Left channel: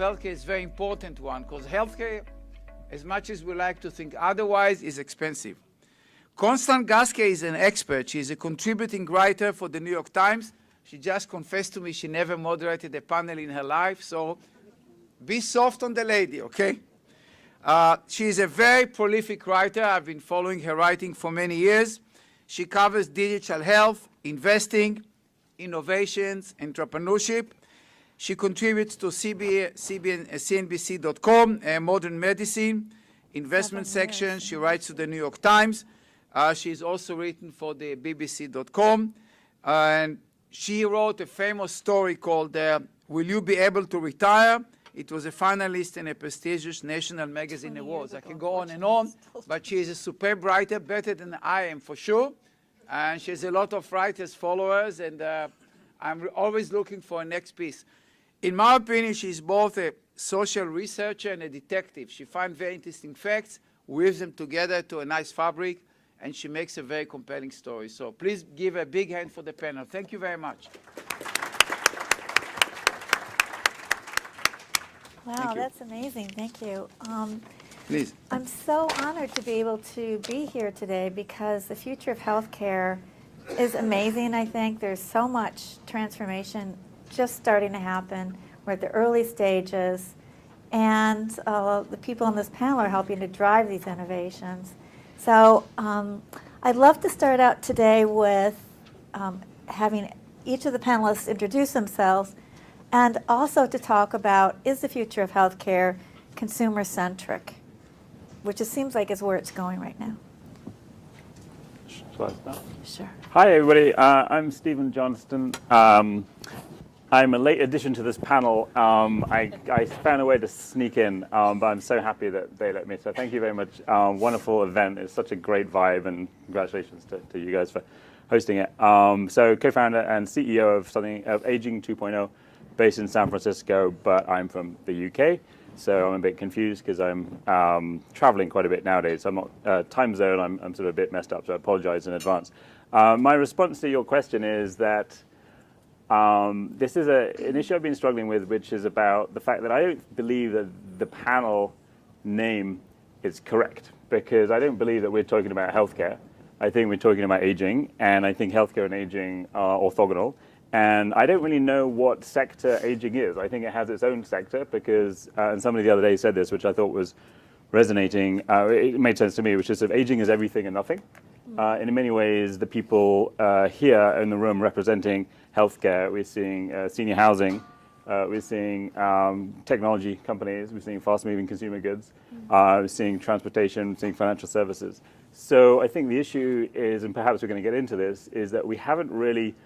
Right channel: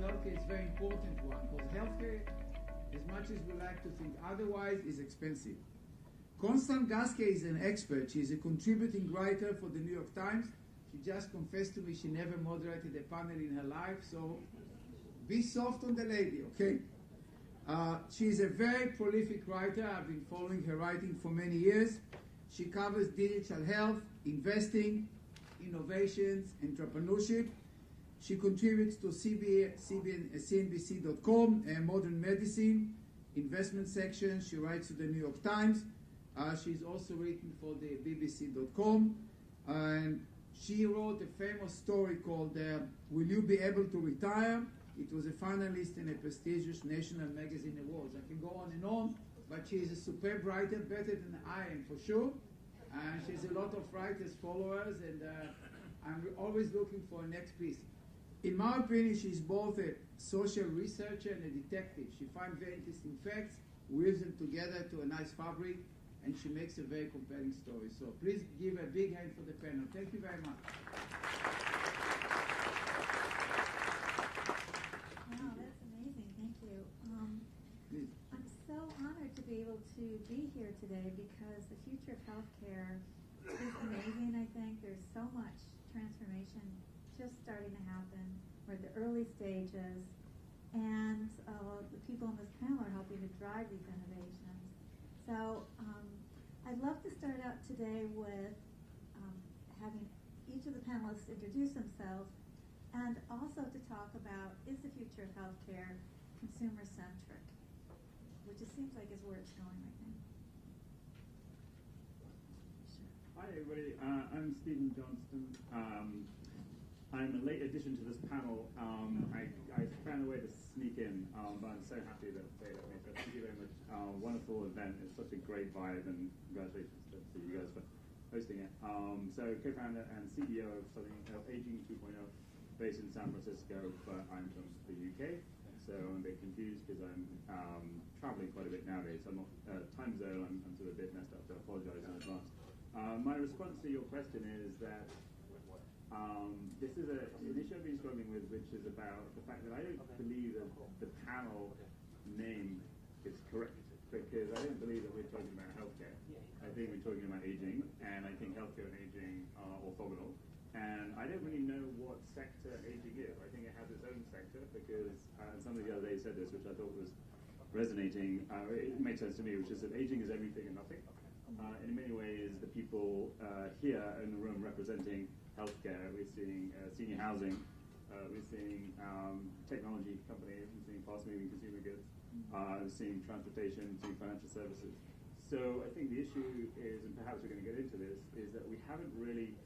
healthcare is a very important one because healthcare, as much as we like to think otherwise, is expensive. Constance Gaske is an expert. She's a contributing writer for the New York Times. She just confessed to me she never moderated a panel in her life, so be soft on the lady, okay? She is a very prolific writer. I've been following her writing for many years. She covers digital health, investing, innovations, entrepreneurship. She contributes to CNBC.com, Modern Medicine, investment section. She writes to the New York Times. She's also written for the BBC.com. And she wrote a famous story called Will You Be Able to Retire? It was a finalist in a prestigious national magazine awards. I can go on and on, but she is a superb writer, better than I am for sure. And she has a lot of writers, followers, and I'm always looking for a next piece. In my opinion, she's both a social researcher and a detective. She finds very interesting facts, weaves them together to a nice fabric, and she makes a very compelling story. So please give a big hand for the panel. Thank you very much. Wow, that's amazing. Thank you. Please. I'm so honored to be able to be here today because the future of healthcare is amazing, I think. There's so much transformation just starting to happen. We're at the early stages, and the people on this panel are helping to drive these innovations. So I'd love to start out today with having each of the panelists introduce themselves and also to talk about, is the future of healthcare consumer-centric, which it seems like is where it's going right now. Shall I start? Sure. Hi, everybody. I'm Stephen Johnston. I'm a late addition to this panel. I found a way to sneak in, but I'm so happy that they let me. So thank you very much. Wonderful event. It's such a great vibe, and congratulations to you guys for hosting it. So co-founder and CEO of Aging 2.0, based in San Francisco, but I'm from the UK. So I'm a bit confused because I'm traveling quite a bit nowadays. So I'm not time zone. I'm sort of a bit messed up, so I apologize in advance. My response to your question is that this is an issue I've been struggling with, which is about the fact that I don't believe that the panel name is correct, because I don't believe that we're talking about healthcare. I think we're talking about aging, and I think healthcare and aging are orthogonal. And I don't really know what sector aging is. I think it has its own sector because, and somebody the other day said this, which I thought was resonating. It made sense to me, which is that aging is everything and nothing. And in many ways, the people here in the room representing healthcare, we're seeing senior housing, we're seeing technology companies, we're seeing fast-moving consumer goods, we're seeing transportation, we're seeing financial services. So I think the issue is, and perhaps we're going to get into this, is that we haven't really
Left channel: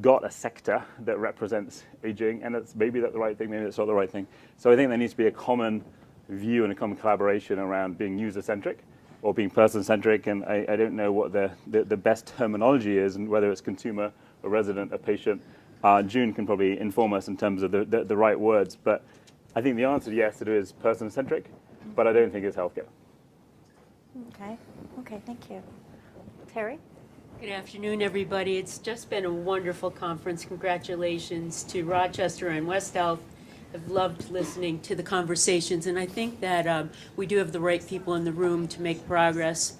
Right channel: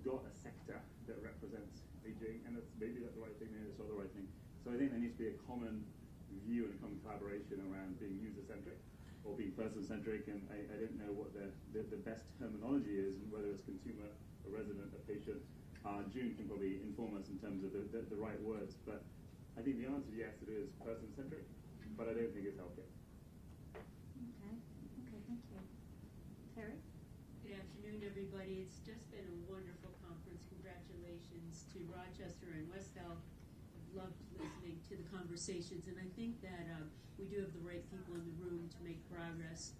got a sector that represents aging, and it's maybe that's the right thing, maybe it's not the right thing. So I think there needs to be a common view and a common collaboration around being user-centric or being person-centric, and I don't know what the best terminology is, and whether it's consumer, a resident, a patient. June can probably inform us in terms of the right words, but I think the answer, yes, it is person-centric, but I don't think it's healthcare. Okay, thank you. Terry? Good afternoon, everybody. It's just been a wonderful conference. Congratulations to Rochester and West Health. I've loved listening to the conversations, and I think that we do have the right people in the room to make progress.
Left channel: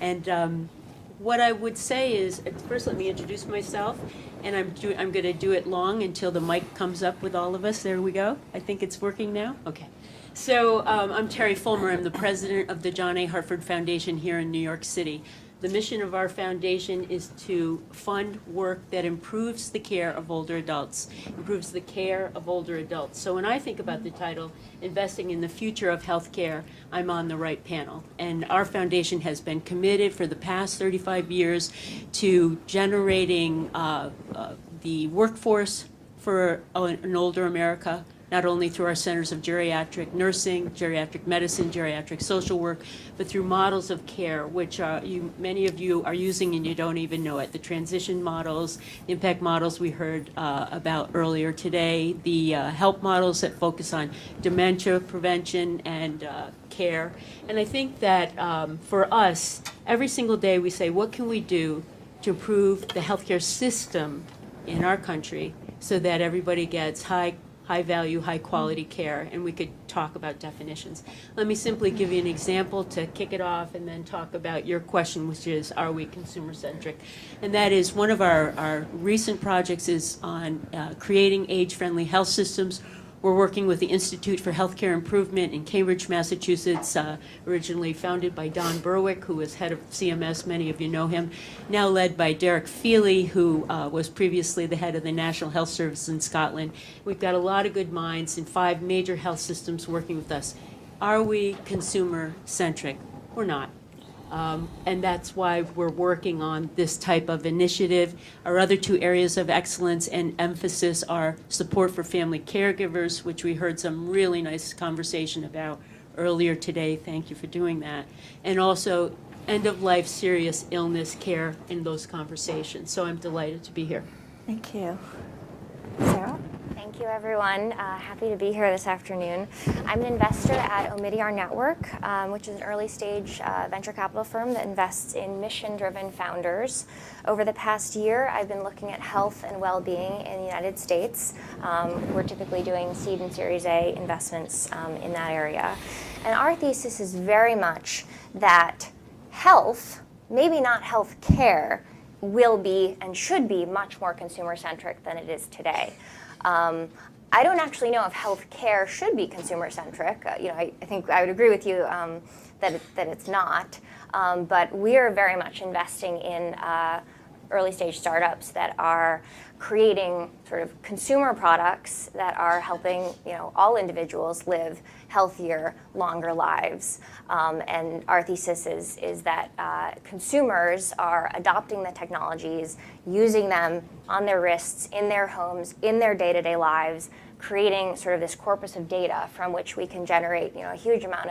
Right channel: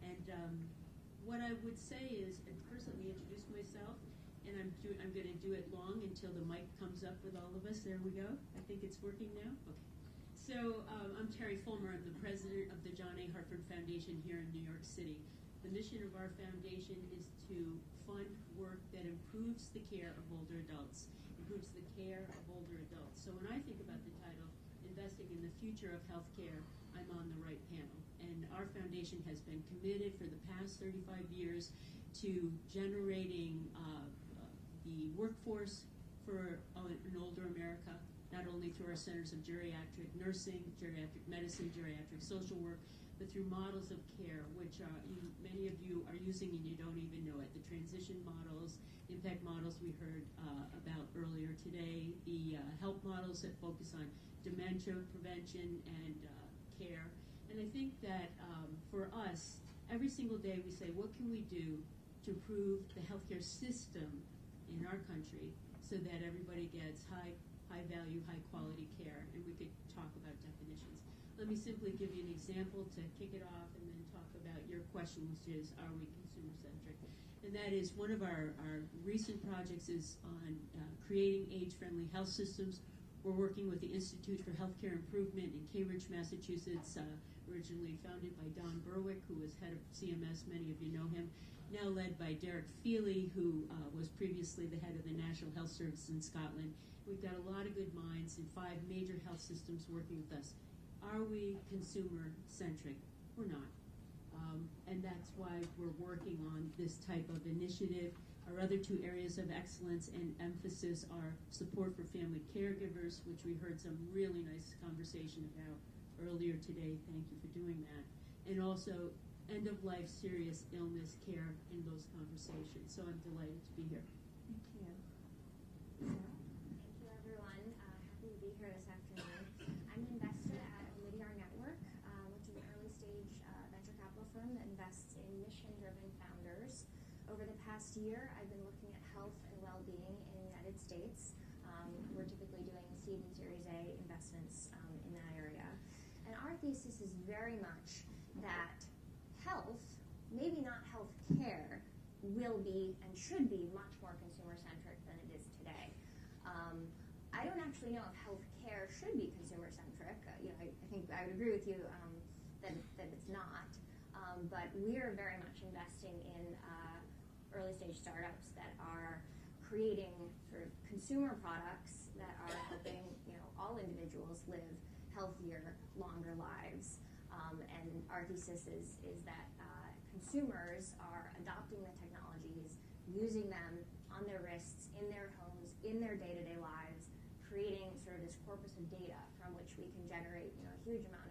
And what I would say is, first let me introduce myself, and I'm going to do it long until the mic comes up with all of us. There we go. I think it's working now. Okay. So I'm Terry Fulmer. I'm the president of the John A. Hartford Foundation here in New York City. The mission of our foundation is to fund work that improves the care of older adults, improves the care of older adults. So when I think about the title, Investing in the Future of Healthcare, I'm on the right panel. And our foundation has been committed for the past 35 years to generating the workforce for an older America, not only through our centers of geriatric nursing, geriatric medicine, geriatric social work, but through models of care, which many of you are using and you don't even know it. The transition models, the impact models we heard about earlier today, the help models that focus on dementia prevention and care. And I think that for us, every single day we say, what can we do to improve the healthcare system in our country so that everybody gets high high value, high quality care, and we could talk about definitions. Let me simply give you an example to kick it off and then talk about your question, which is, are we consumer centric? And that is one of our recent projects is on creating age-friendly health systems. We're working with the Institute for Healthcare Improvement in Cambridge, Massachusetts, originally founded by Don Berwick, who was head of CMS, many of you know him, now led by Derek Feely, who was previously the head of the National Health Service in Scotland. We've got a lot of good minds in 5 major health systems working with us. Are we consumer-centric? We're not. And that's why we're working on this type of initiative. Our other 2 areas of excellence and emphasis are support for family caregivers, which we heard some really nice conversation about earlier today. Thank you for doing that. And also end-of-life serious illness care in those conversations. So I'm delighted to be here. Thank you. Sara? Thank you, everyone. Happy to be here this afternoon. I'm an investor at Omidyar Network, which is an early-stage venture capital firm that invests in mission-driven founders. Over the past year, I've been looking at health and well-being in the United States. We're typically doing seed and Series A investments in that area. And our thesis is very much that health, maybe not health care, will be and should be much more consumer-centric than it is today. I don't actually know if healthcare should be consumer-centric. I think I would agree with you that it's not. But we are very much investing in early-stage startups that are creating sort of consumer products that are helping all individuals live healthier, longer lives. And our thesis is that consumers are adopting the technologies, using them on their wrists, in their homes, in their day-to-day lives, creating sort of this corpus of data from which we can generate a huge amount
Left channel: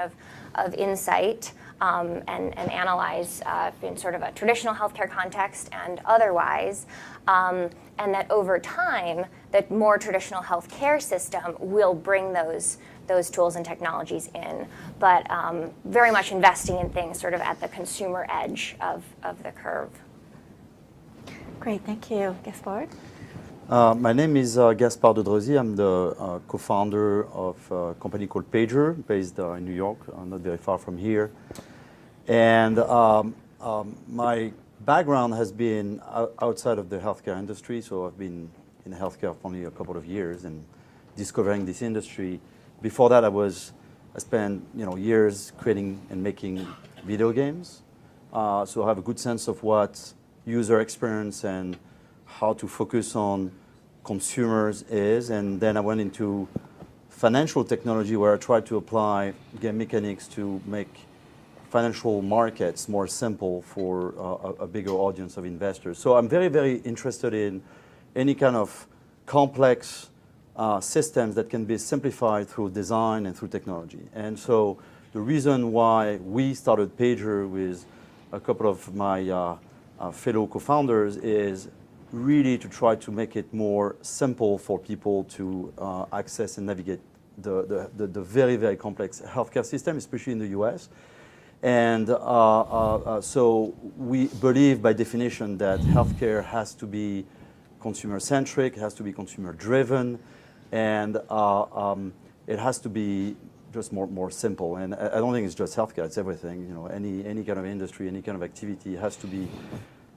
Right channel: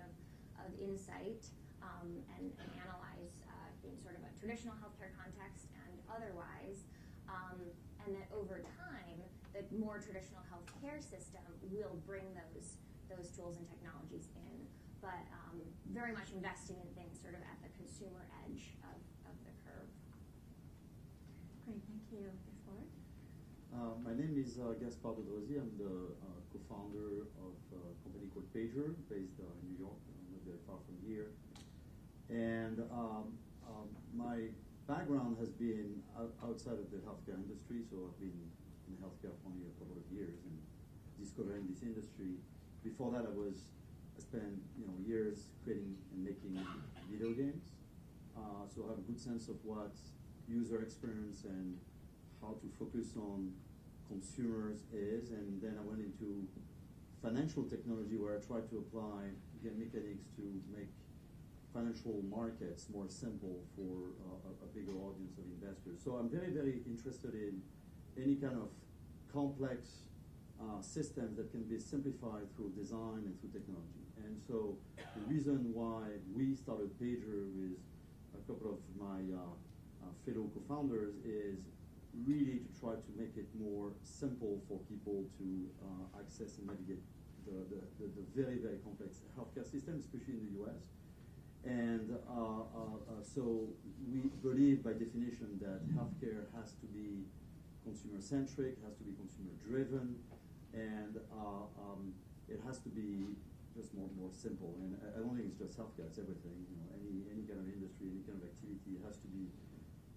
of insight and analyze in sort of a traditional healthcare context and otherwise. And that over time, the more traditional healthcare system will bring those tools and technologies in, but very much investing in things sort of at the consumer edge of the curve. Great, thank you. Gaspard? My name is Gaspard de Dreuzy. I'm the co-founder of a company called Pager, based in New York, not very far from here. And my background has been outside of the healthcare industry, so I've been in healthcare for only a couple of years and discovering this industry. Before that, I spent years creating and making video games, so I have a good sense of what user experience and how to focus on consumers is. And then I went into financial technology, where I tried to apply game mechanics to make financial markets more simple for a bigger audience of investors. So I'm very, very interested in any kind of complex systems that can be simplified through design and through technology. And so the reason why we started Pager with a couple of my fellow co-founders is really to try to make it more simple for people to access and navigate the very, very complex healthcare system, especially in the US. And so we believe by definition that healthcare has to be consumer-centric, has to be consumer-driven, and it has to be just more simple. And I don't think it's just healthcare, it's everything. Any kind of industry, any kind of activity has to be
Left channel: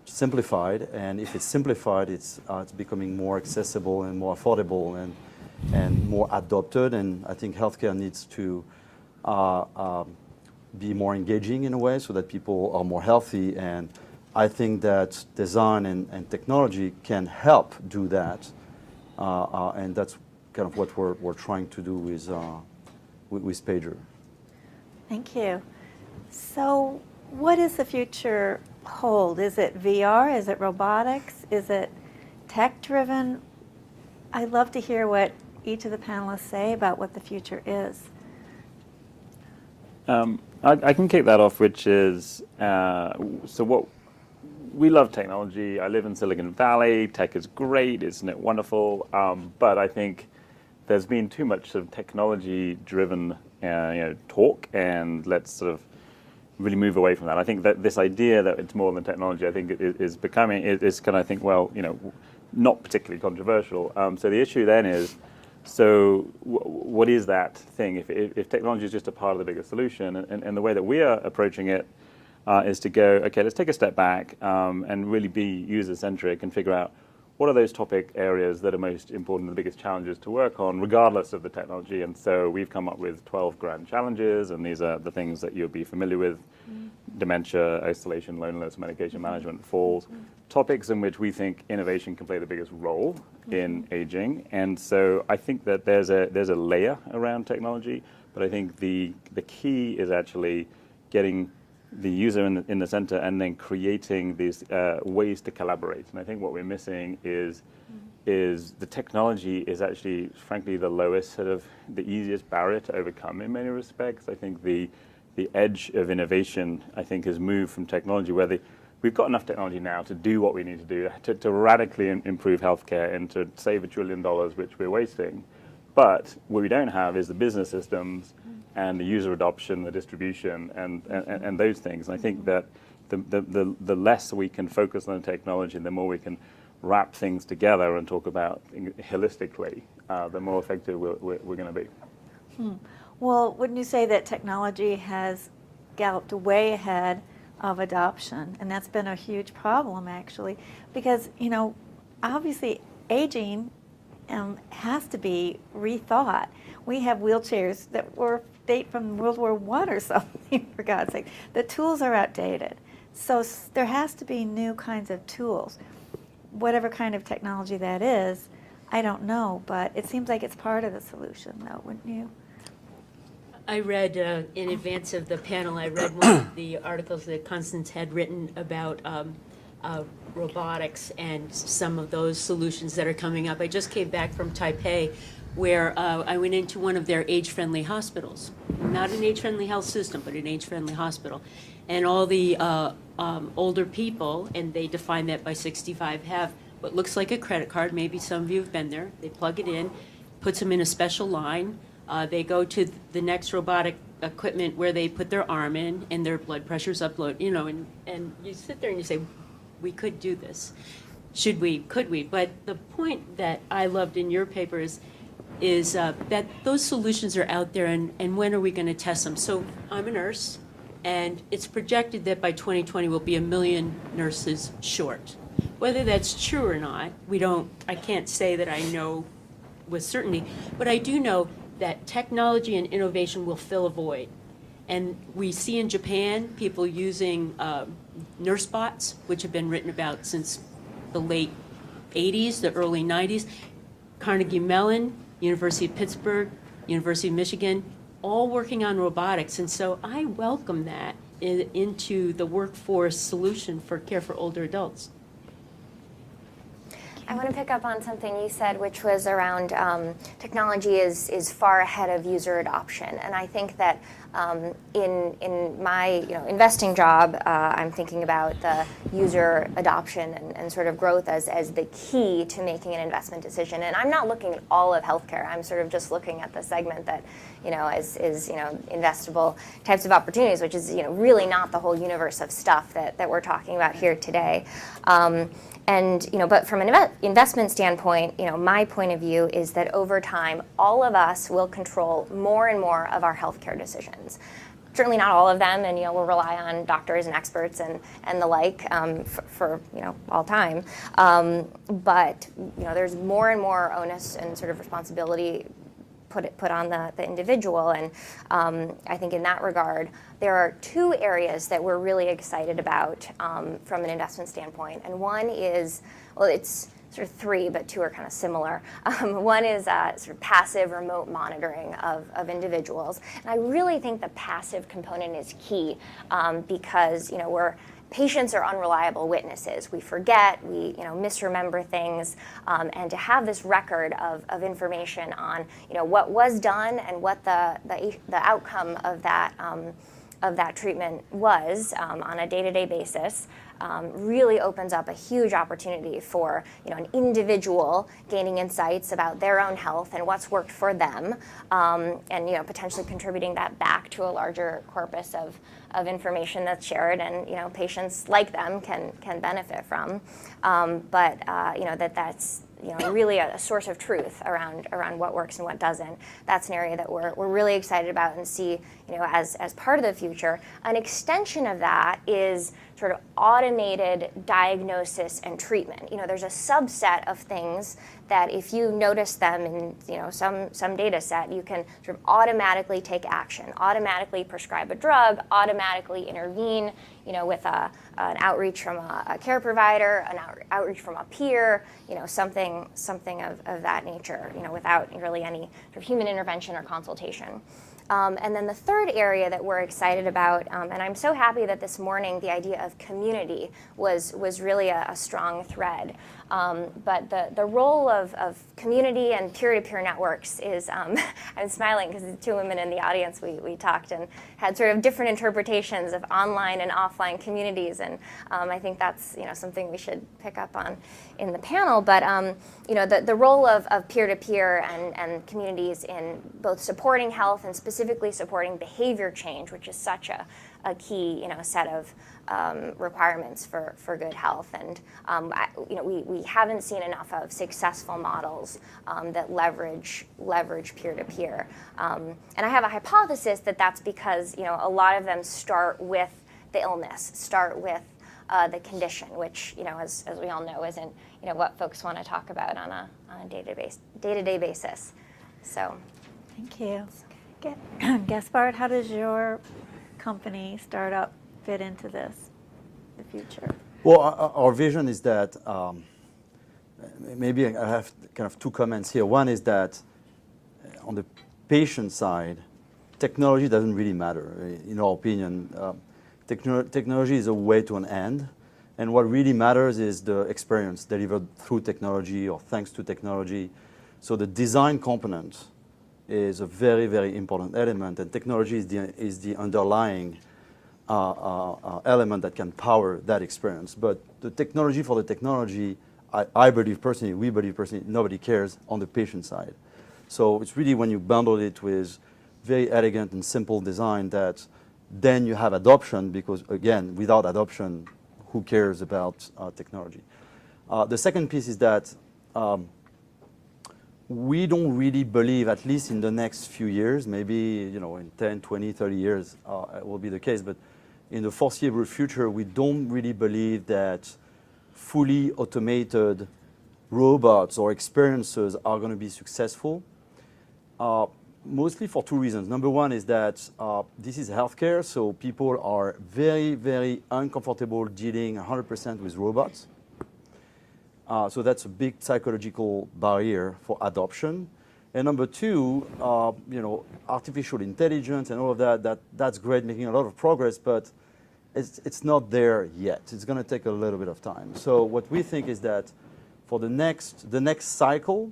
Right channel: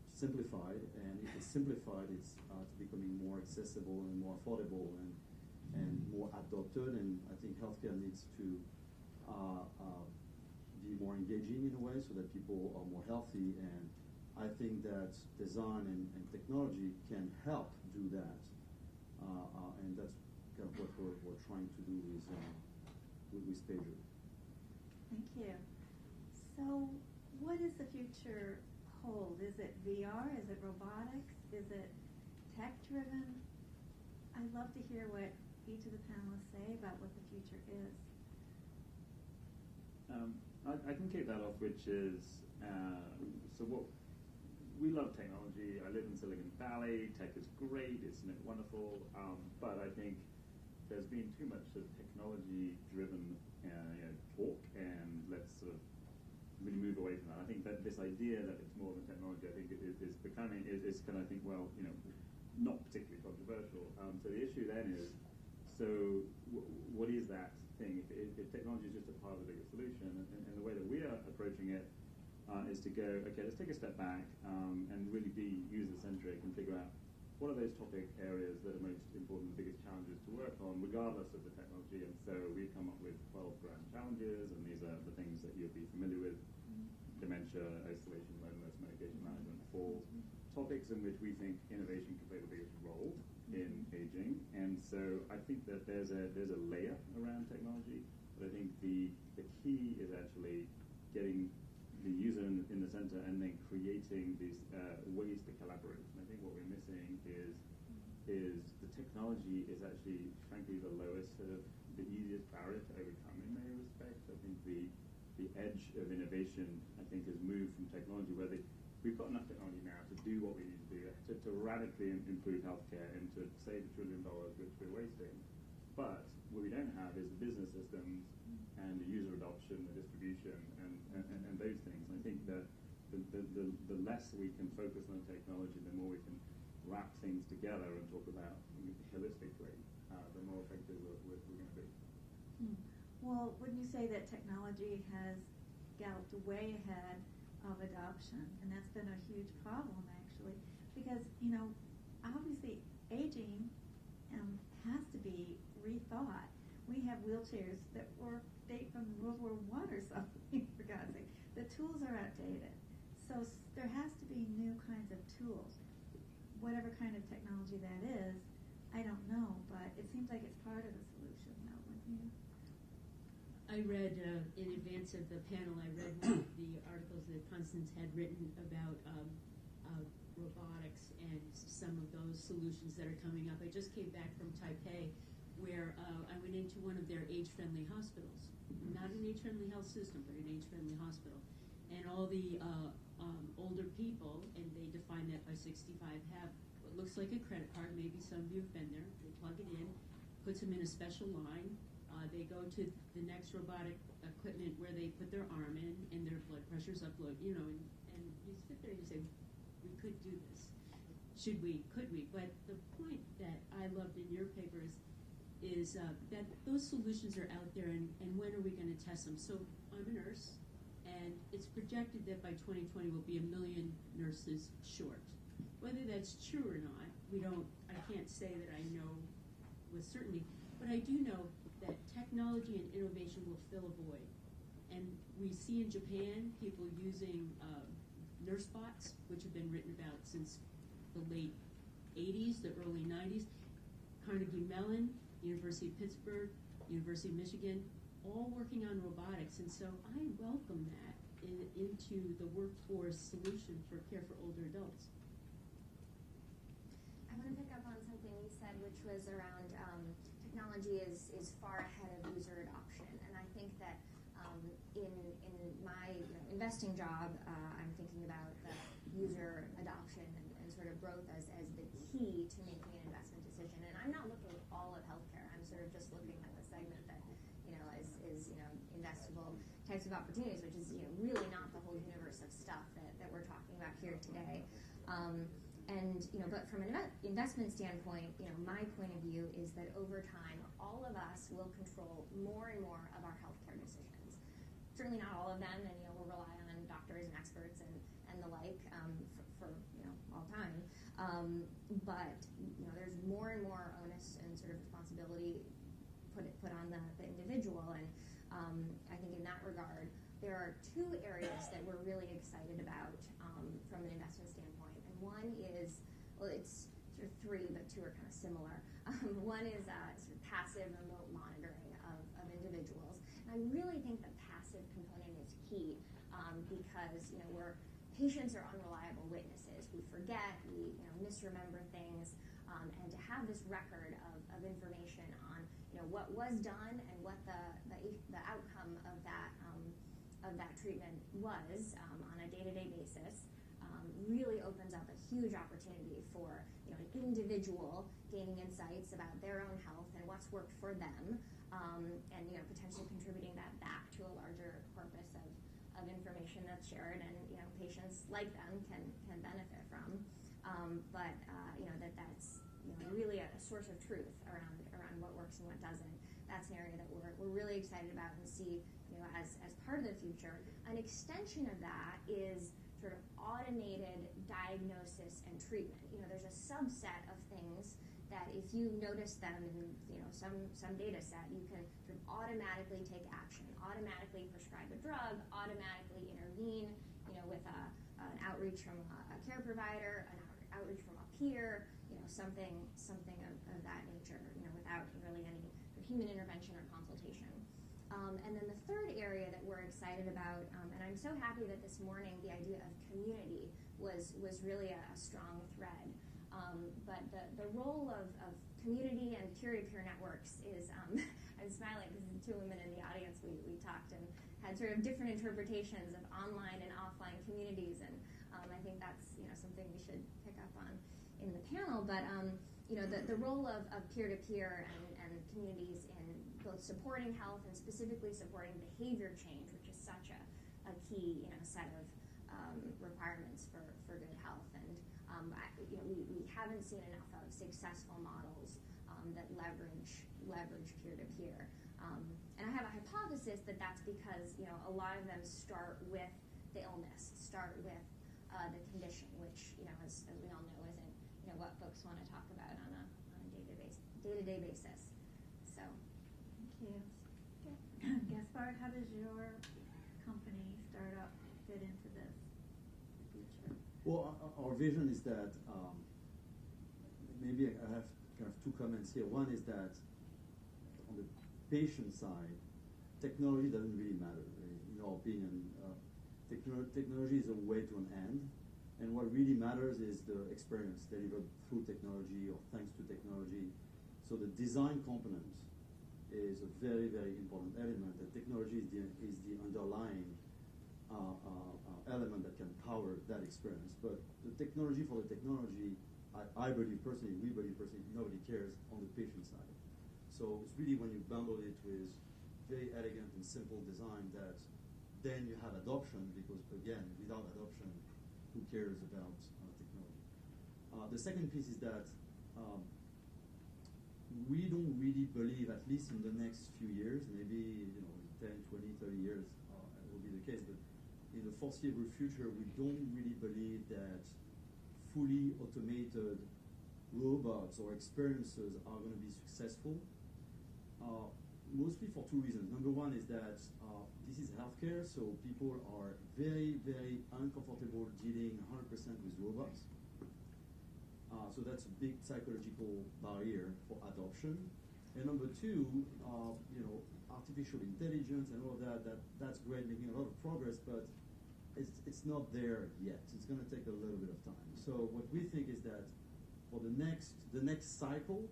simplified, and if it's simplified, it's becoming more accessible and more affordable and more adopted. And I think healthcare needs to be more engaging in a way so that people are more healthy. And I think that design and technology can help do that. And that's kind of what we're trying to do with Pager. Thank you. So what does the future hold? Is it VR? Is it robotics? Is it tech-driven? I'd love to hear what each of the panelists say about what the future is. I can kick that off, which is, so what we love technology. I live in Silicon Valley. Tech is great, isn't it wonderful? But I think there's been too much of technology-driven talk, and let's sort of really move away from that. I think that this idea that it's more than technology, I think is becoming, is kind of, I think, well, not particularly controversial. So the issue then is, So what is that thing? If technology is just a part of the bigger solution, and the way that we are approaching it is to go, okay, let's take a step back and really be user-centric and figure out what are those topic areas that are most important, the biggest challenges to work on, regardless of the technology. And so we've come up with 12 grand challenges, and these are the things that you'll be familiar with. Dementia, isolation, loneliness, medication management falls. Topics in which we think innovation can play the biggest role in aging. And so I think that there's a layer around technology, but I think the key is actually getting the user in the center and then creating these ways to collaborate. And I think what we're missing is the technology is actually, frankly, the lowest, sort of the easiest barrier to overcome in many respects. I think the edge of innovation, I think, has moved from technology where we've got enough technology now to do what we need to do, to radically improve healthcare and to save $1 trillion, which we're wasting. But what we don't have is the business systems and the user adoption, the distribution, and those things. And I think that the less we can focus on the technology, the more we can wrap things together and talk about holistically, the more effective we're going to be. Well, wouldn't you say that technology has galloped way ahead of adoption? And that's been a huge problem, actually, because, you know, obviously aging has to be rethought. We have wheelchairs that date from World War I or something, for God's sake. The tools are outdated. So there has to be new kinds of tools. Whatever kind of technology that is, I don't know, but it seems like it's part of the solution, though, wouldn't you? I read, in advance of the panel, I read one of the articles that Constance had written about robotics and some of those solutions that are coming up. I just came back from Taipei, where I went into one of their age-friendly hospitals. Not an age-friendly health system, but an age-friendly hospital. And all the older people, and they define that by 65, have what looks like a credit card. Maybe some of you have been there. They plug it in, puts them in a special line. They go to the next robotic equipment where they put their arm in and their blood pressure's upload, you know, and you sit there and you say, we could do this. Should we? Could we? But the point that I loved in your paper is that those solutions are out there, and when are we going to test them? So I'm a nurse, and it's projected that by 2020 we'll be 1 million nurses short. Whether that's true or not, I can't say that I know with certainty, but I do know that technology and innovation will fill a void. And we see in Japan people using nurse bots, which have been written about since the late 80s, the early 90s. Carnegie Mellon, University of Pittsburgh, University of Michigan, all working on robotics. And so I welcome that into the workforce solution for care for older adults. I want to pick up on something you said, which was around technology is far ahead of user adoption. And I think that in my investing job, I'm thinking about the user adoption and sort of growth as the key to making an investment decision. And I'm not looking at all of healthcare. I'm sort of just looking at the segment that is investable types of opportunities, which is really not the whole universe of stuff that we're talking about here today. And but from an investment standpoint, my point of view is that over time, all of us will control more and more of our healthcare decisions. Certainly not all of them, and we'll rely on doctors and experts and the like for all time. But there's more and more onus and sort of responsibility put on the individual, and I think in that regard, there are two areas that we're really excited about from an investment standpoint, and one is, well, it's sort of three, but two are kind of similar. One is sort of passive remote monitoring of individuals, and I really think the passive component is key because patients are unreliable witnesses. We forget, we misremember things, and to have this record of information on what was done and what the outcome of that treatment was on a day-to-day basis really opens up a huge opportunity for an individual gaining insights about their own health and what's worked for them, and potentially contributing that back to a larger corpus of information that's shared, and patients like them can benefit from. But that's really a source of truth around what works and what doesn't. That's an area that we're really excited about and see, as part of the future. An extension of that is sort of automated diagnosis and treatment. There's a subset of things that if you notice them in some data set, you can sort of automatically take action, automatically prescribe a drug, automatically intervene, with an outreach from a care provider, an outreach from a peer, something of that nature, without really any sort of human intervention or consultation. And then the third area that we're excited about, and I'm so happy that this morning the idea of community was really a strong thread. But the role of community and peer-to-peer networks is, I'm smiling because the two women in the audience, we talked and had sort of different interpretations of online and offline communities, and I think that's something we should pick up on in the panel. But the role of peer-to-peer and communities in both supporting health and specifically supporting behavior change, which is such a key set of requirements for good health, and we haven't seen enough of successful models that leverage peer-to-peer, and I have a hypothesis that that's because a lot of them start with the illness, start with the condition, which as we all know isn't what folks want to talk about on a day-to-day basis. So, Thank you. Gaspard, how does your company startup fit into the future? Well, our vision is that maybe I have kind of two comments here. One is that on the patient side, technology doesn't really matter. In our opinion, technology is a way to an end, and what really matters is the experience delivered through technology or thanks to technology. So the design component is a very, very important element, and technology is the underlying element that can power that experience. But the technology for the technology, I believe personally, we believe personally, nobody cares on the patient side. So it's really when you bundle it with very elegant and simple design that then you have adoption, because again, without adoption, who cares about technology? The second piece is that we don't really believe, at least in the next few years, maybe in 10, 20, 30 years it will be the case, but in the foreseeable future, we don't really believe that fully automated robots or experiences are going to be successful, mostly for two reasons. Number one is that this is healthcare, so people are very, very uncomfortable dealing 100% with robots. So that's a big psychological barrier for adoption. And number two, artificial intelligence and all of that's great, making a lot of progress, but it's not there yet. It's going to take a little bit of time. So what we think is that for the next cycle,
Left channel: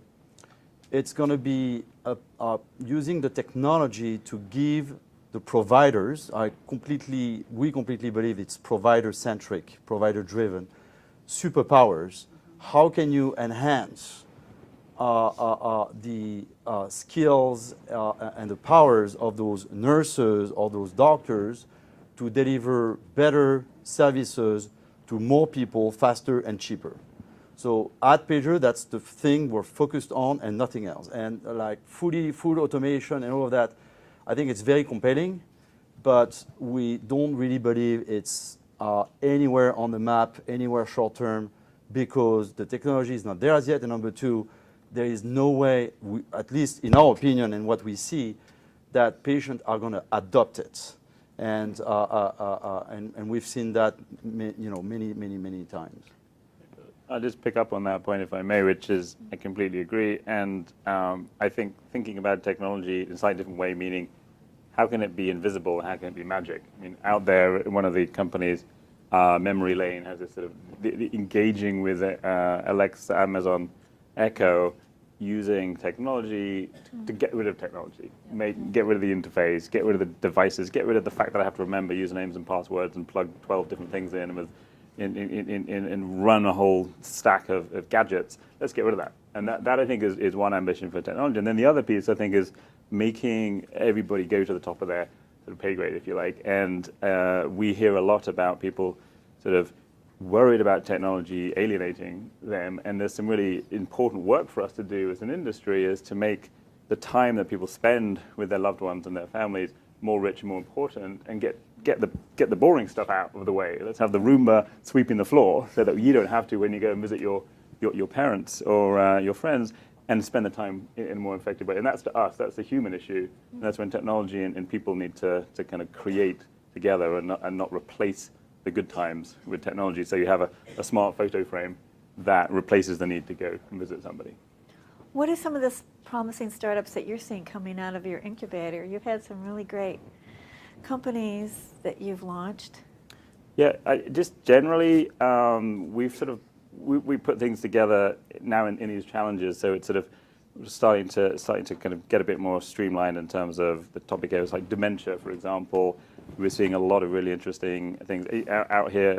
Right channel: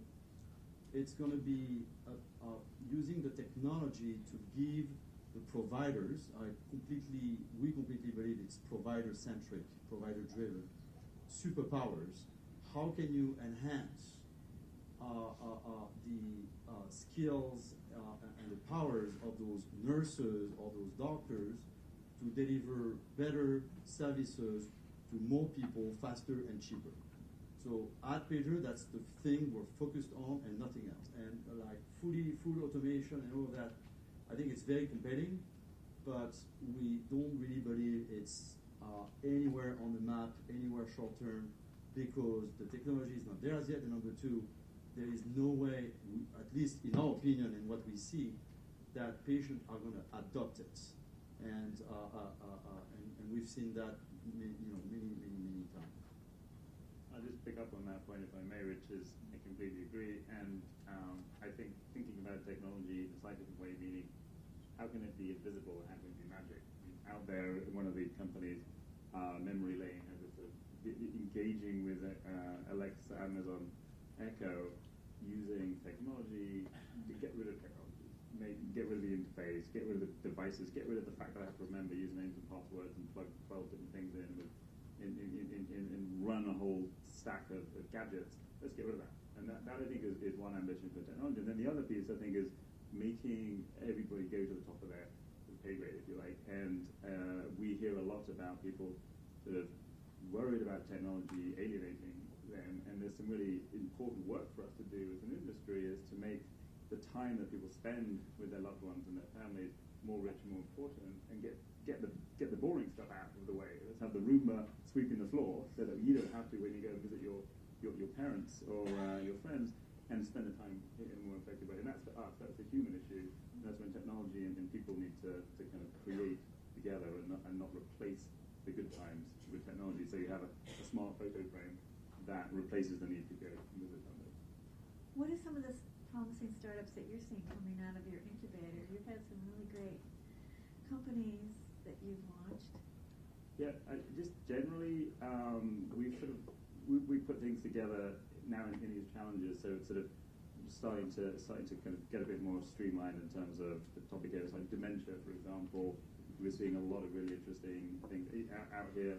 it's going to be using the technology to give the providers, we completely believe it's provider-centric, provider-driven, superpowers. How can you enhance the skills and the powers of those nurses or those doctors to deliver better services to more people faster and cheaper? So at Pager, that's the thing we're focused on and nothing else. And like full automation and all of that, I think it's very compelling, but we don't really believe it's anywhere on the map, anywhere short term, because the technology is not there as yet. And number two, there is no way, at least in our opinion and what we see, that patients are going to adopt it. And we've seen that many times. I'll just pick up on that point, if I may, which is I completely agree. And I think thinking about technology in a slightly different way, meaning how can it be invisible? How can it be magic? I mean, out there, one of the companies, Memory Lane, has this sort of the engaging with Alexa, Amazon Echo, using technology to get rid of technology, get rid of the interface, get rid of the devices, get rid of the fact that I have to remember usernames and passwords and plug 12 different things in and run a whole stack of gadgets. Let's get rid of that. And that I think is one ambition for technology. And then the other piece, I think, is making everybody go to the top of their sort of pay grade, if you like. And we hear a lot about people sort of worried about technology alienating them. And there's some really important work for us to do as an industry, is to make the time that people spend with their loved ones and their families more rich and more important, and get the boring stuff out of the way. Let's have the Roomba sweeping the floor so that you don't have to when you go and visit your parents or your friends, and spend the time in a more effective way. And that's to us, that's a human issue. And that's when technology and people need to kind of create together and not replace the good times with technology. So you have a smart photo frame that replaces the need to go and visit somebody. What are some of the promising startups that you're seeing coming out of your incubator? You've had some really great companies that you've launched. Yeah, just generally, we put things together now in these challenges, so it's sort of starting to kind of get a bit more streamlined in terms of the topic areas like dementia, for example. We're seeing a lot of really interesting things out here.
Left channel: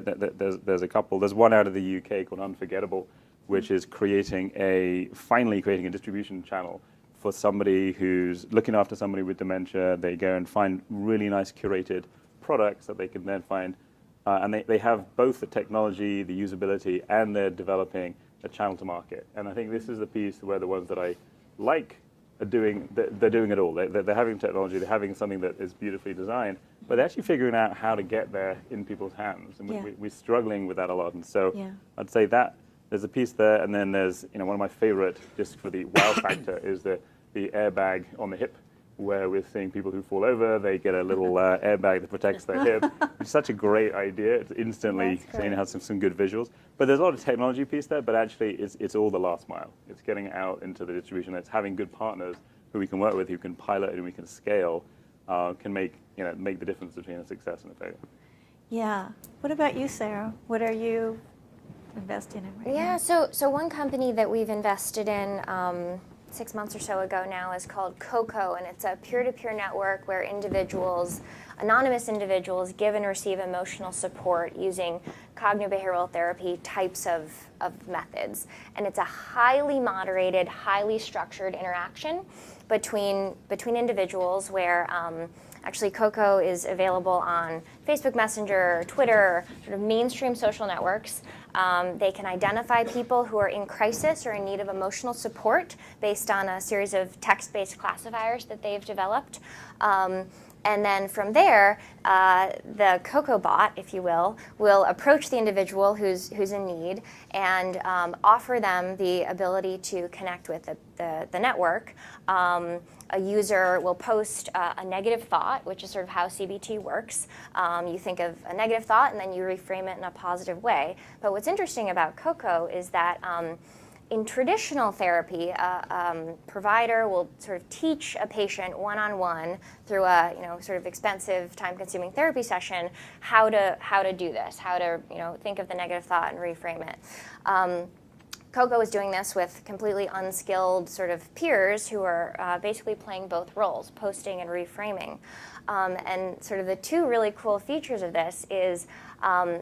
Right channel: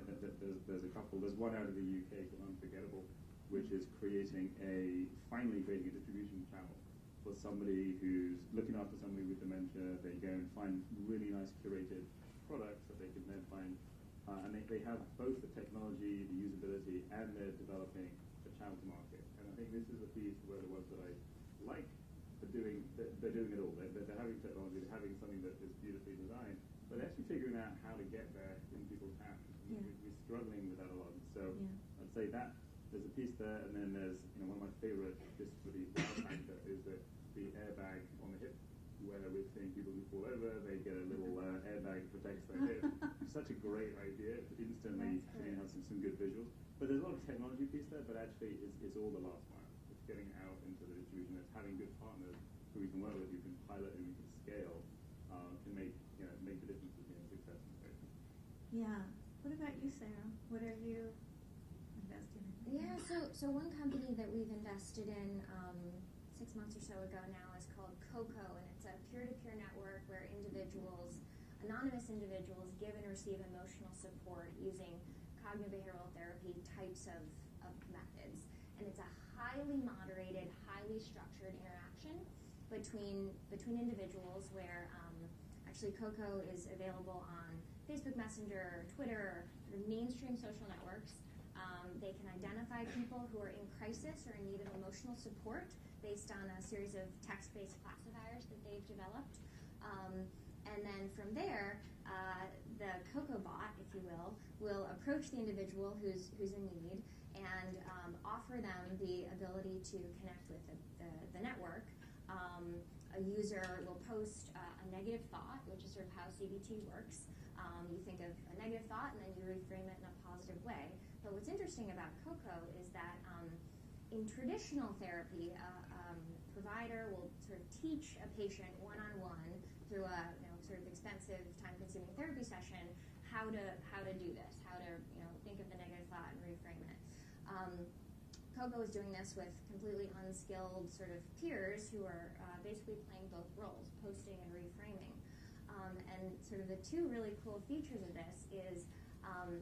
There's a couple. There's one out of the UK called Unforgettable, which is finally creating a distribution channel for somebody who's looking after somebody with dementia. They go and find really nice curated products that they can then find, and they have both the technology, the usability, and they're developing a channel to market. And I think this is the piece where the ones that I like are they're doing it all. They're having technology, they're having something that is beautifully designed, but they're actually figuring out how to get there in people's hands. And we're struggling with that a lot. And so I'd say that there's a piece there, and then there's, one of my favorite, just for the wow factor, is the airbag on the hip, where we're seeing people who fall over, they get a little airbag that protects their hip. It's such a great idea. It's instantly, it has some good visuals. But there's a lot of technology piece there, but actually it's all the last mile. It's getting out into the distribution. It's having good partners who we can work with, who can pilot and we can scale, can make the difference between a success and a failure. Yeah. What about you, Sara? What are you investing in right now? Yeah, so one company that we've invested in 6 months or so ago now is called Coco, and it's a peer-to-peer network where anonymous individuals give and receive emotional support using cognitive behavioral therapy types of methods. And it's a highly moderated, highly structured interaction between individuals where actually Coco is available on Facebook Messenger, Twitter, sort of mainstream social networks. They can identify people who are in crisis or in need of emotional support based on a series of text-based classifiers that they've developed. And then from there, the Coco bot, if you will approach the individual who's in need and offer them the ability to connect with the network. A user will post a negative thought, which is sort of how CBT works. You think of a negative thought and then you reframe it in a positive way. But what's interesting about Coco is that in traditional therapy, a provider will sort of teach a patient one-on-one through a sort of expensive, time-consuming therapy session how to do this, how to think of the negative thought and reframe it. Coco is doing this with completely unskilled sort of peers who are basically playing both roles, posting and reframing. And sort of the two really cool features of this is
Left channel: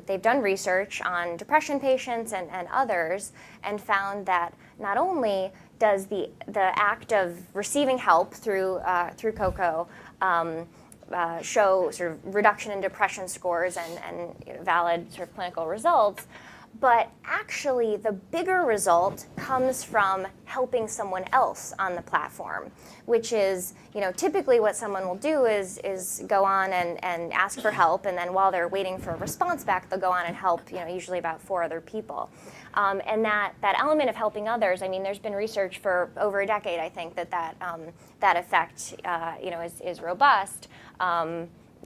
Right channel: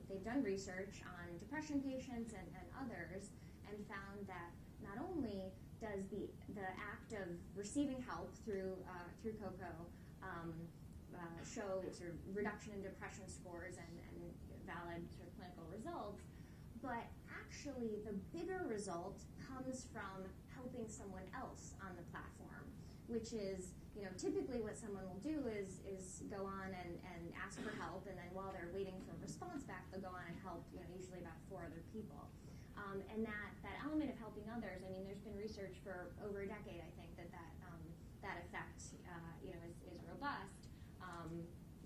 they've done research on depression patients and others and found that not only does the act of receiving help through Coco show sort of reduction in depression scores and valid sort of clinical results, but actually the bigger result comes from helping someone else on the platform, which is, typically what someone will do is go on and ask for help, and then while they're waiting for a response back, they'll go on and help, usually about 4 other people. And that element of helping others, there's been research for over a decade, I think, that effect, is robust,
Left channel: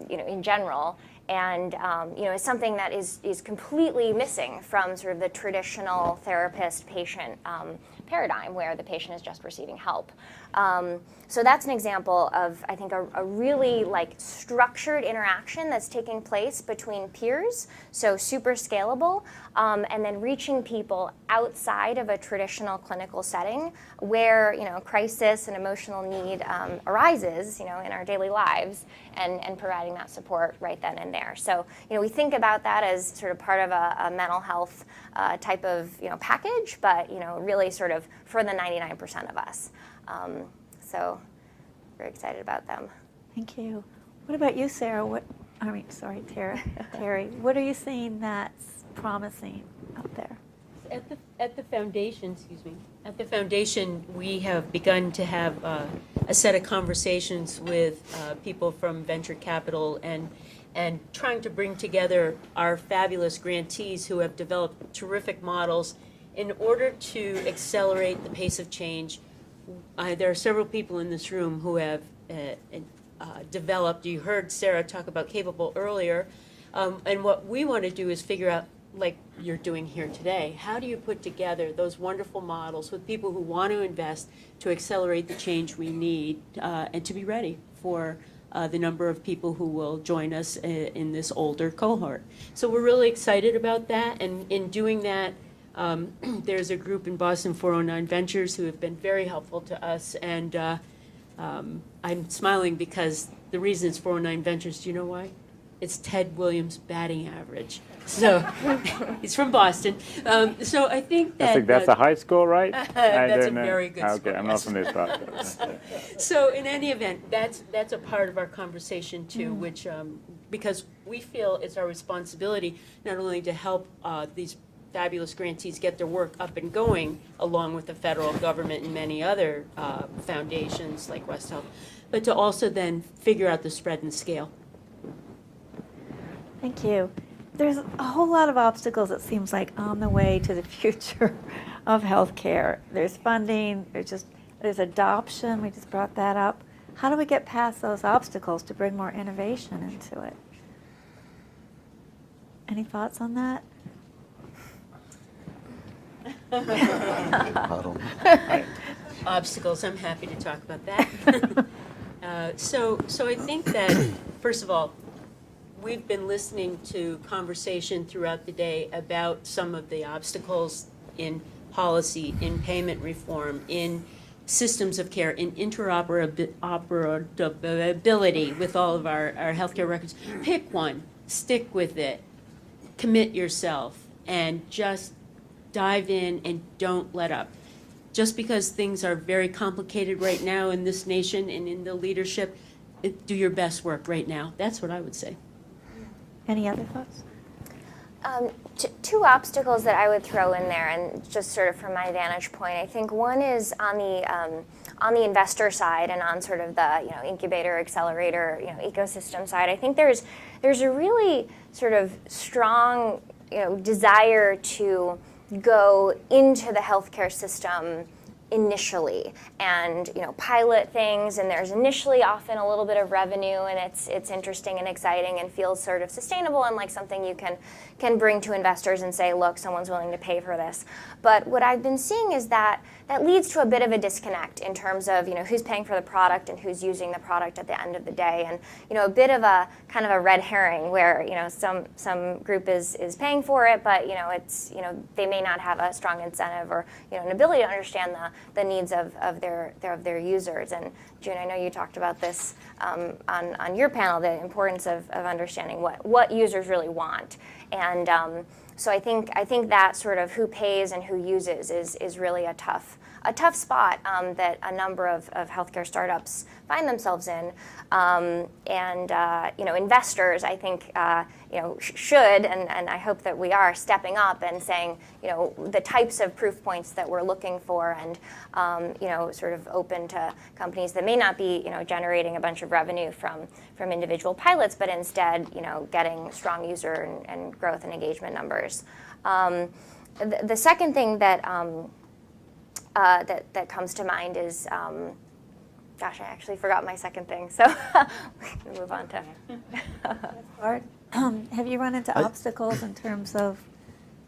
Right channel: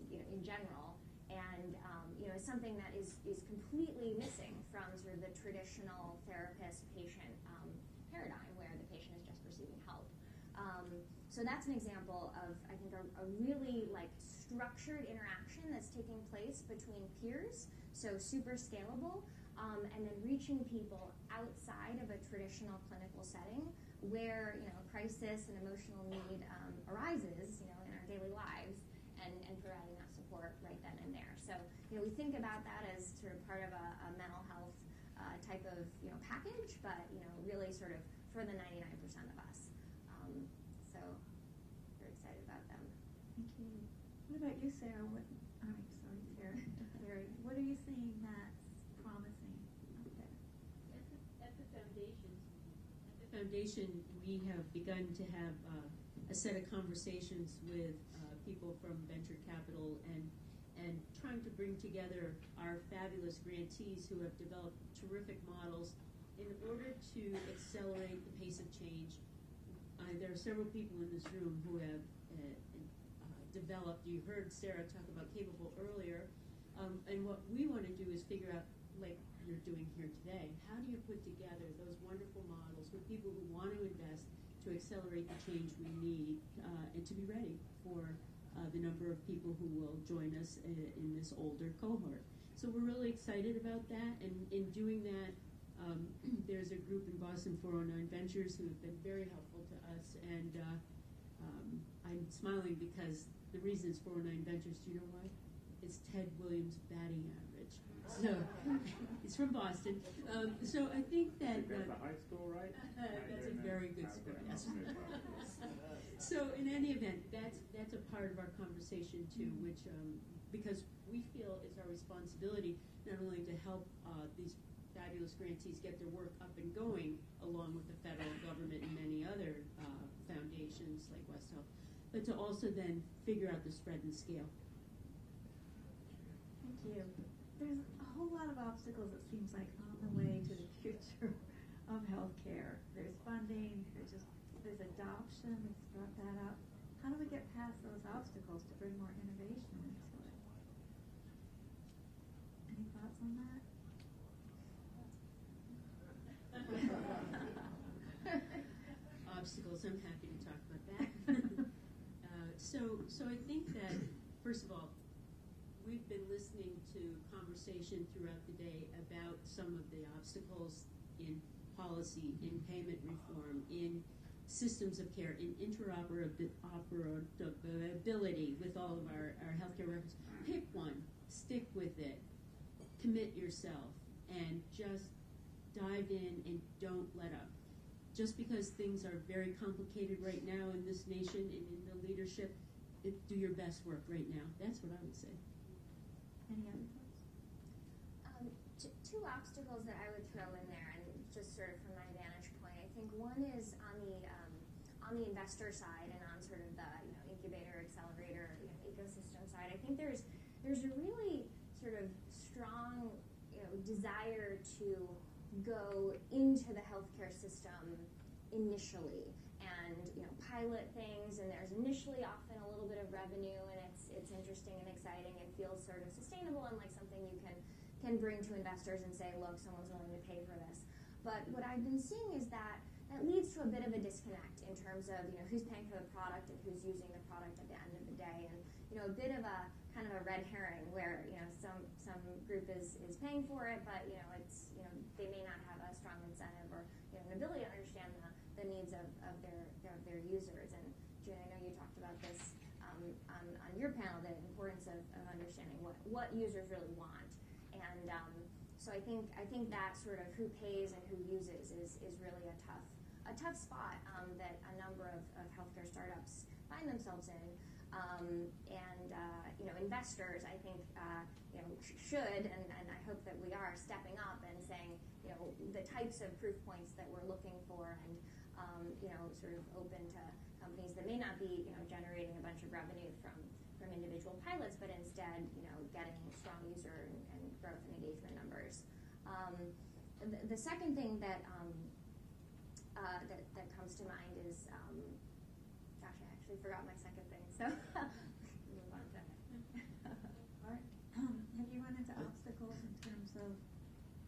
in general. And is something that is completely missing from sort of the traditional therapist-patient paradigm where the patient is just receiving help. So that's an example of, I think, a really structured interaction that's taking place between peers, so super scalable, and then reaching people outside of a traditional clinical setting where crisis and emotional need arises, in our daily lives, and providing that support right then and there. So we think about that as sort of part of a mental health type of package, but really sort of for the 99% of us. So very excited about them. Thank you. What about you, Sara? Terry. What are you seeing that's promising out there? At the foundation, at the foundation, we have begun to have a set of conversations with people from venture capital and trying to bring together our fabulous grantees who have developed terrific models in order to accelerate the pace of change. There are several people in this room who have developed, you heard Sara talk about Capable earlier, and what we want to do is figure out, like you're doing here today, how do you put together those wonderful models with people who want to invest to accelerate the change we need and to be ready for the number of people who will join us in this older cohort. So we're really excited about that, and in doing that, there's a group in Boston, 409 Ventures, who have been very helpful to us, and I'm smiling because the reason it's 409 Ventures, do you know why? It's Ted Williams' batting average. So he's from Boston. So I think that I think that's a high score, right? that's a very good score. Okay, I'm not from this part. So in any event, that's a part of our conversation too, which because we feel it's our responsibility not only to help these fabulous grantees get their work up and going, along with the federal government and many other foundations like West Health, but to also then figure out the spread and scale. Thank you. There's a whole lot of obstacles, it seems like, on the way to the future of healthcare. There's funding, there's adoption, we just brought that up. How do we get past those obstacles to bring more innovation into it? Any thoughts on that? Obstacles, I'm happy to talk about that. So I think that, first of all, we've been listening to conversation throughout the day about some of the obstacles in policy, in payment reform, in systems of care, in interoperability with all of our healthcare records. Pick one, stick with it, commit yourself, and just dive in and don't let up. Just because things are very complicated right now in this nation and in the leadership, do your best work right now. That's what I would say. Any other thoughts? Two obstacles that I would throw in there, and just sort of from my vantage point, I think one is on the investor side and on sort of the incubator, accelerator, ecosystem side. I think there's a really sort of strong desire to go into the healthcare system initially and pilot things, and there's initially often a little bit of revenue, and it's interesting and exciting and feels sort of sustainable and like something you can bring to investors and say, look, someone's willing to pay for this. But what I've been seeing is that leads to a bit of a disconnect in terms of who's paying for the product and who's using the product at the end of the day, and a bit of a kind of a red herring where some group is paying for it, but it's they may not have a strong incentive or an ability to understand the needs of their users. And June, I know you talked about this on your panel, the importance of understanding what users really want. And so I think that sort of who pays and who uses is really a tough spot that a number of healthcare startups find themselves in. Investors, I think, should, and I hope that we are stepping up and saying, the types of proof points that we're looking for, and sort of open to companies that may not be, generating a bunch of revenue from individual pilots, but instead, getting strong user and growth and engagement numbers. The second thing that comes to mind is, gosh, I actually forgot my second thing, so we can move on to. Art, have you run into obstacles in terms of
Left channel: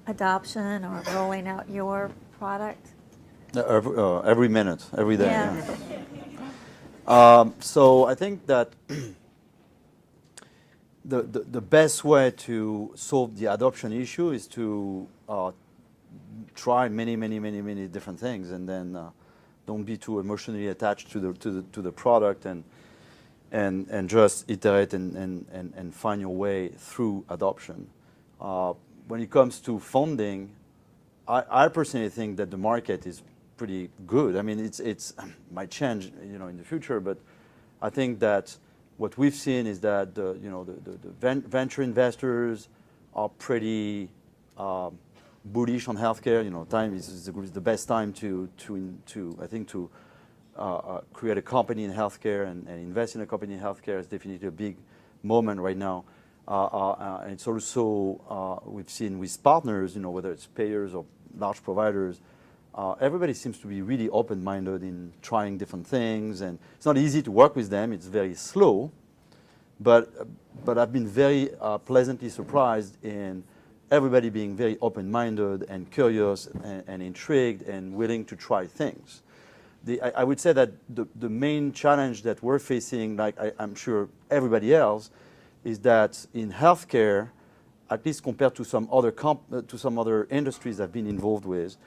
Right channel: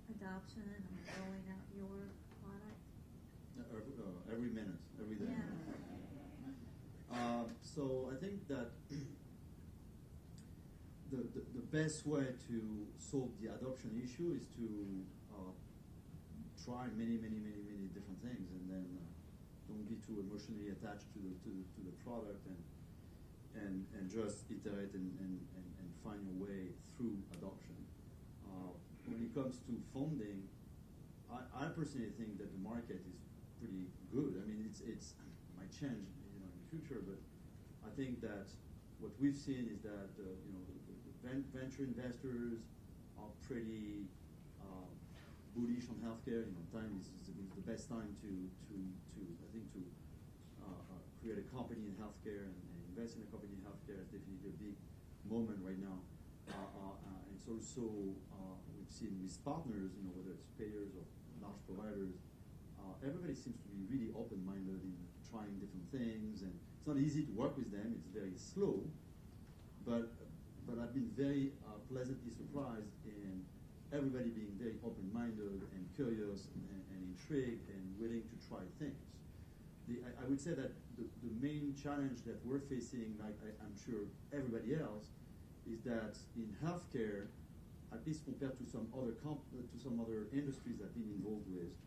adoption or rolling out your product? Every minute, every day. Yeah. Yeah. So I think that the best way to solve the adoption issue is to try many different things, and then don't be too emotionally attached to the product, and just iterate and find your way through adoption. When it comes to funding, I personally think that the market is pretty good. I mean, it's might change, in the future, but I think that what we've seen is that the venture investors are pretty bullish on healthcare. Time is the best time to I think to create a company in healthcare and invest in a company in healthcare is definitely a big moment right now. And it's also we've seen with partners, whether it's payers or large providers, everybody seems to be really open-minded in trying different things, and it's not easy to work with them. It's very slow, but I've been very pleasantly surprised in everybody being very open-minded and curious and intrigued and willing to try things. I would say that the main challenge that we're facing, like I'm sure everybody else, is that in healthcare, at least compared to some other industries I've been involved with,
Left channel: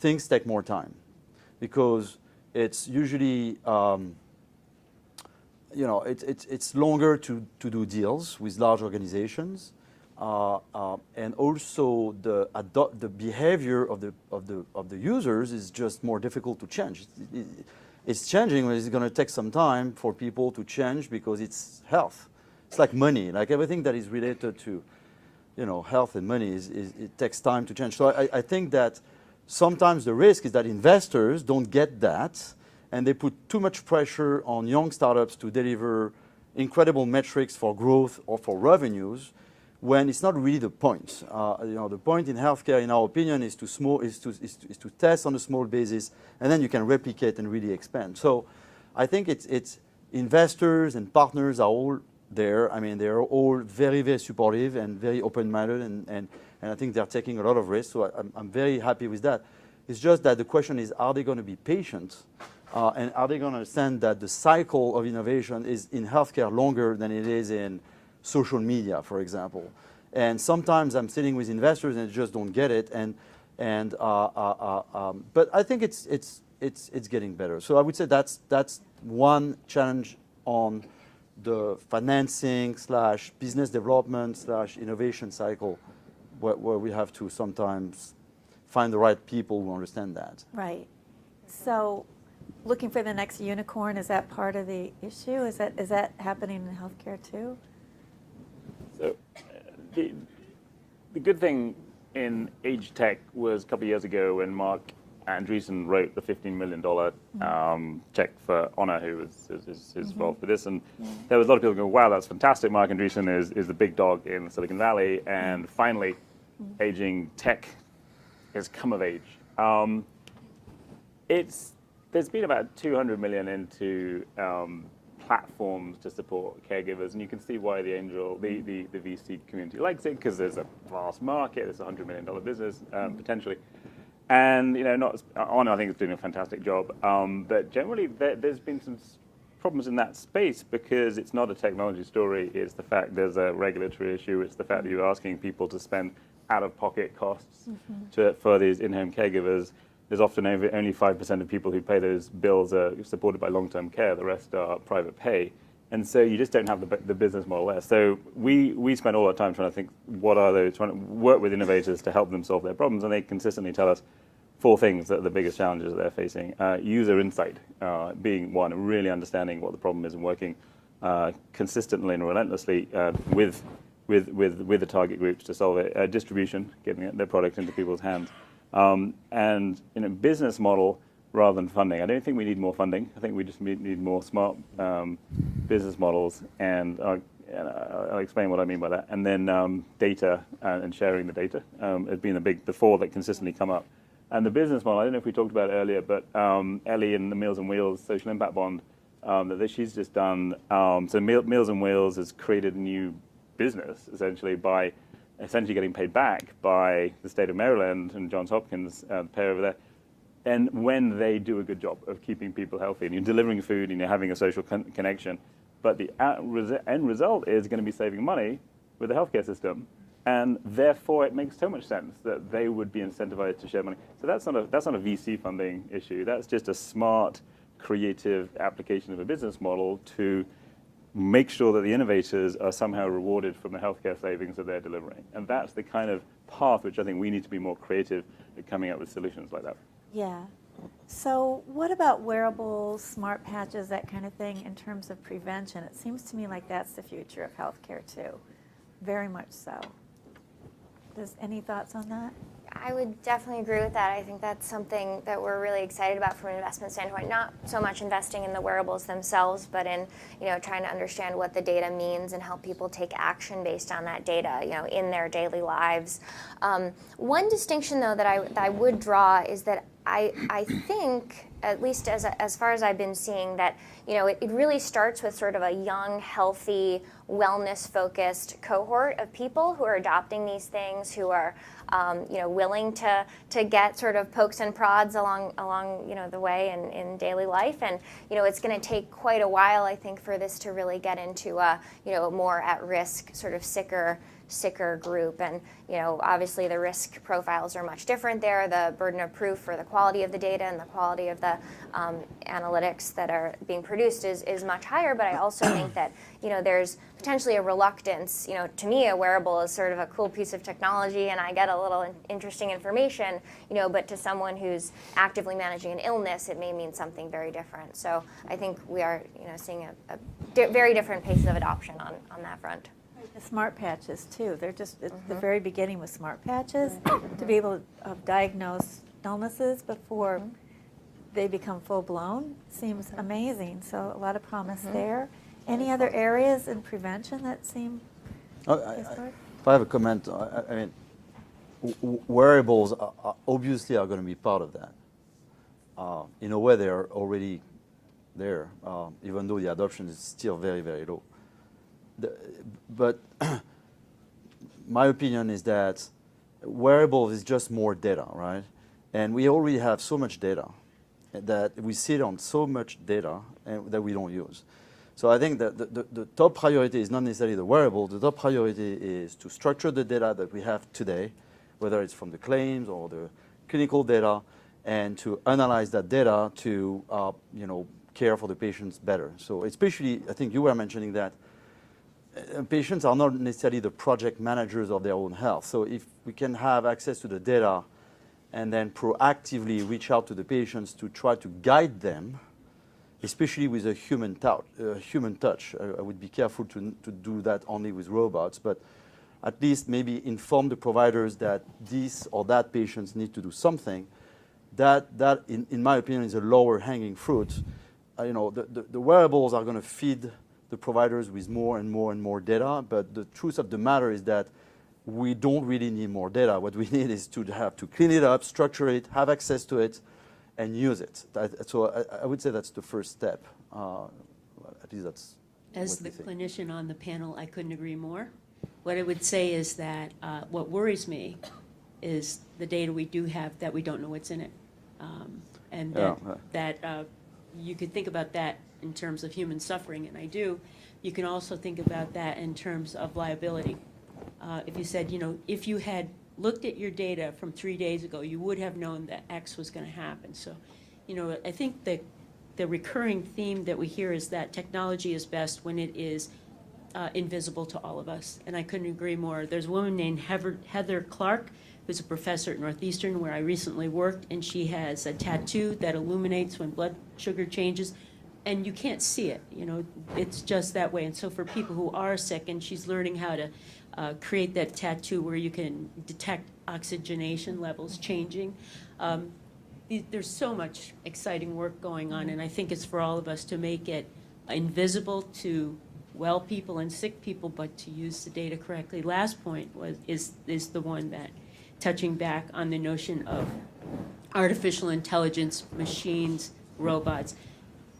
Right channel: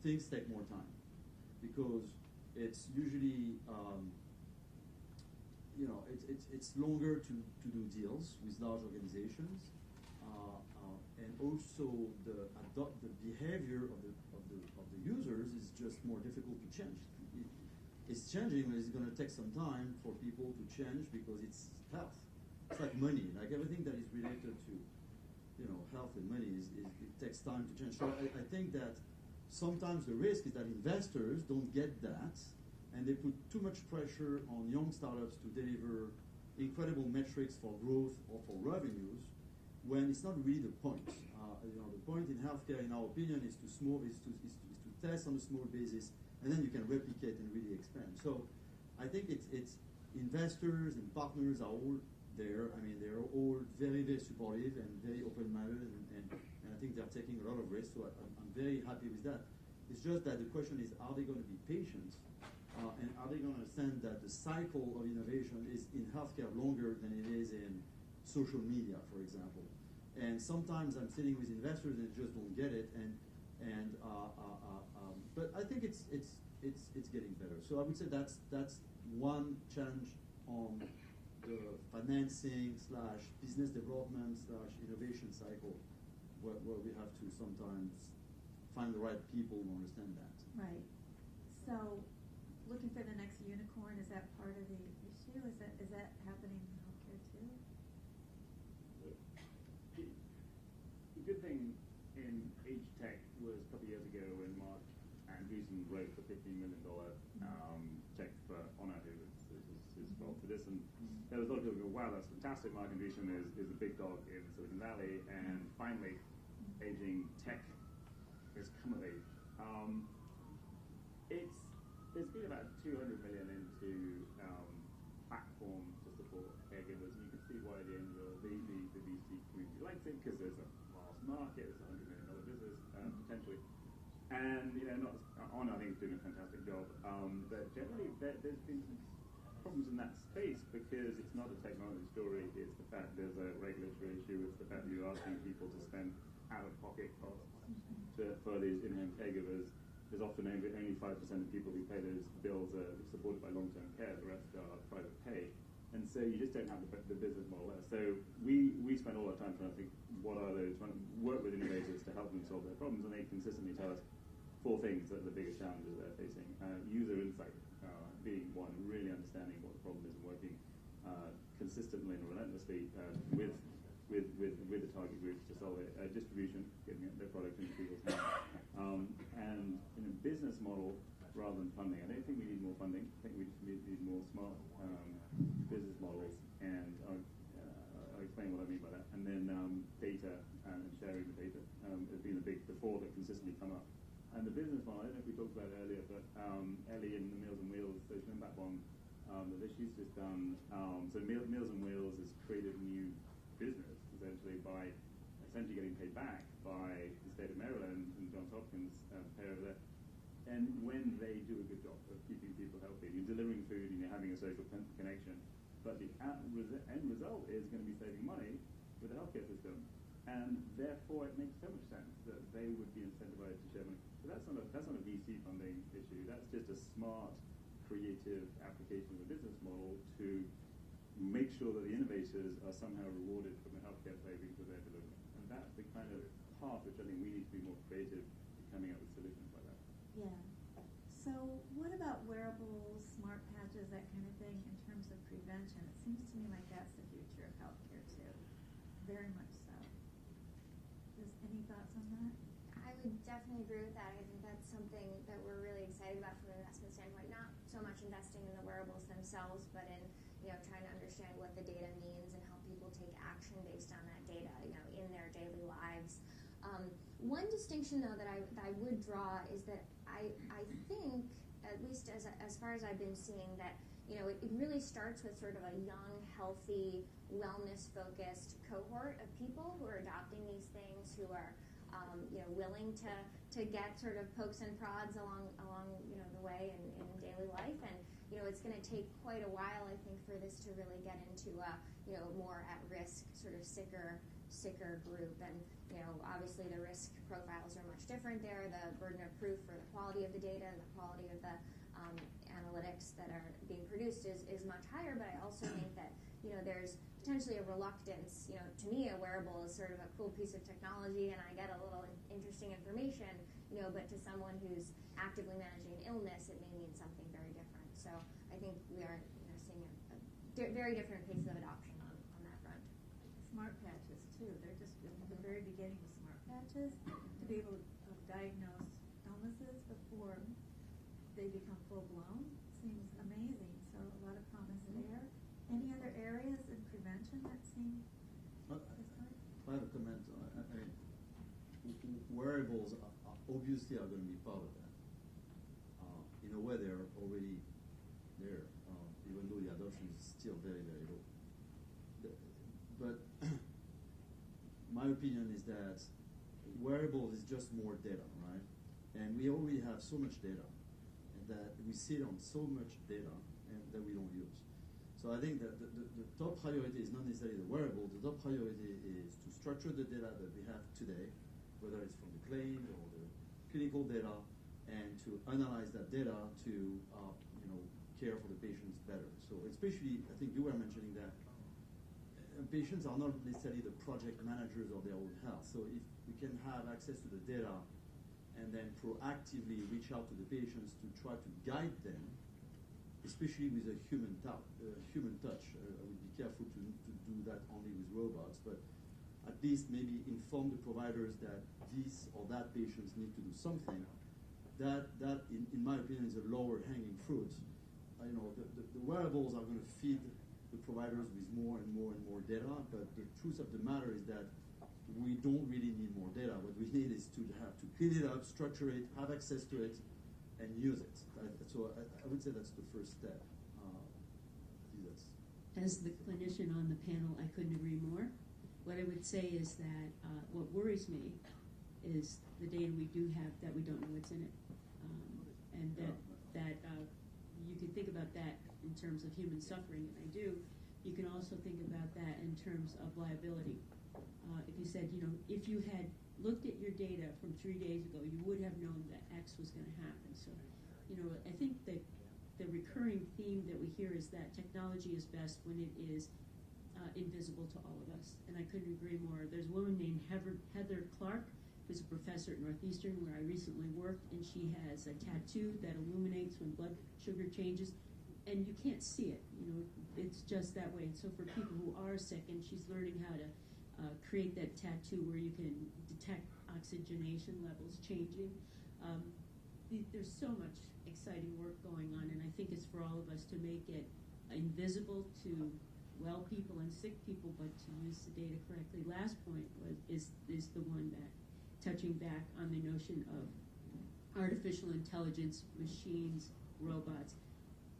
things take more time because it's usually it's longer to do deals with large organizations, and also the behavior of the users is just more difficult to change. It's changing, but it's going to take some time for people to change because it's health. It's like money, like everything that is related to health and money it takes time to change. So I think that sometimes the risk is that investors don't get that, and they put too much pressure on young startups to deliver incredible metrics for growth or for revenues, when it's not really the point. The point in healthcare, in our opinion, is to test on a small basis, and then you can replicate and really expand. So I think it's investors and partners are all there. I mean, they're all very, very supportive and very open-minded, and I think they're taking a lot of risks. So I'm very happy with that. It's just that the question is, are they going to be patient? And are they going to understand that the cycle of innovation is in healthcare longer than it is in social media, for example? And sometimes I'm sitting with investors and they just don't get it. But I think it's getting better. So I would say that's one challenge on the financing / business development / innovation cycle, where we have to sometimes find the right people who understand that. Right. So looking for the next unicorn, is that part of the issue? Is that happening in healthcare too? So the good thing in age tech was a couple of years ago when Mark Andreessen wrote the $15 million check for Honor, who is involved with this. And there was a lot of people going, wow, that's fantastic. Mark Andreessen is the big dog in Silicon Valley. And finally, aging tech has come of age. There's been about $200 million into platforms to support caregivers, and you can see why the VC community likes it, because there's a vast market, it's a $100 million business potentially, and Honor I think is doing a fantastic job, but generally there's been some problems in that space because it's not a technology story. It's the fact there's a regulatory issue. It's the fact that you're asking people to spend out-of-pocket costs for these in-home caregivers. There's often only 5% of people who pay those bills are supported by long-term care. The rest are private pay. And so you just don't have the business model there. So we spend all our time trying to think, trying to work with innovators to help them solve their problems. And they consistently tell us 4 things that are the biggest challenges that they're facing. User insight being one, really understanding what the problem is and working consistently and relentlessly with the target groups to solve it. Distribution, getting their product into people's hands. And business model rather than funding. I don't think we need more funding. I think we just need more smart business models, and I'll explain what I mean by that. And then data and sharing the data has been the 4 that consistently come up. And the business model, I don't know if we talked about it earlier, but Ellie and the Meals on Wheels social impact bond that she's just done. So Meals on Wheels has created a new business essentially by getting paid back by the state of Maryland and Johns Hopkins, the payer over there. And when they do a good job of keeping people healthy, and you're delivering food and you're having a social connection, but the end result is going to be saving money with the healthcare system, and therefore it makes so much sense that they would be incentivized to share money. So that's not a VC funding issue. That's just a smart, creative application of a business model to make sure that the innovators are somehow rewarded from the healthcare savings that they're delivering. And that's the kind of path which I think we need to be more creative at coming up with solutions like that. Yeah. So what about wearables, smart patches, that kind of thing in terms of prevention? It seems to me like that's the future of healthcare too. Very much so. Any thoughts on that? I would definitely agree with that. I think that's something that we're really excited about from an investment standpoint. Not so much investing in the wearables themselves, but in trying to understand what the data means and help people take action based on that data, in their daily lives. One distinction, though, that I would draw is that I think, at least as far as I've been seeing, that it really starts with sort of a young, healthy, wellness-focused cohort of people who are adopting these things, who are willing to get sort of pokes and prods along the way in daily life. And it's going to take quite a while, I think, for this to really get into a more at-risk, sort of sicker group. And obviously the risk profiles are much different there. The burden of proof for the quality of the data and the quality of the analytics that are being produced is much higher. But I also think that there's potentially a reluctance. To me, a wearable is sort of a cool piece of technology, and I get a little interesting information. But to someone who's actively managing an illness, it may mean something very different. So I think we are seeing a very different paces of adoption on that front. The smart patches too. They're just at the very beginning with smart patches to be able to diagnose illnesses before they become full blown seems amazing. So a lot of promise there. Any other areas in prevention that seem? If I have a comment, I mean, wearables are obviously are going to be part of that. In a way, they're already there, even though the adoption is still very, very low. But my opinion is that wearables is just more data, right? And we already have so much data that we sit on so much data that we don't use. So I think that the top priority is not necessarily the wearable. The top priority is to structure the data that we have today, whether it's from the claims or the clinical data, and to analyze that data to care for the patients better. So especially, I think you were mentioning that patients are not necessarily the project managers of their own health. So if we can have access to the data and then proactively reach out to the patients to try to guide them, especially with a human touch. I would be careful to do that only with robots, but at least maybe inform the providers that this or that patients need to do something. That in my opinion, is a lower hanging fruit. The wearables are going to feed the providers with more and more and more data, but the truth of the matter is that we don't really need more data. What we need is to have to clean it up, structure it, have access to it, and use it. So I would say that's the first step. At least that's. As the clinician on the panel, I couldn't agree more. What I would say is that what worries me is the data we do have that we don't know what's in it. And that you could think about that in terms of human suffering, and I do. You can also think about that in terms of liability. If you said, if you had looked at your data from 3 days ago, you would have known that X was going to happen. So, I think the recurring theme that we hear is that technology is best when it is invisible to all of us, and I couldn't agree more. There's a woman named Heather Clark, who's a professor at Northeastern, where I recently worked, and she has a tattoo that illuminates when blood sugar changes, and you can't see it. It's just that way. And so for people who are sick, and she's learning how to create that tattoo where you can detect oxygenation levels changing. There's so much exciting work going on, and I think it's for all of us to make it invisible to well people and sick people, but to use the data correctly. Last point is the one that, touching back on the notion of artificial intelligence, machines, robots.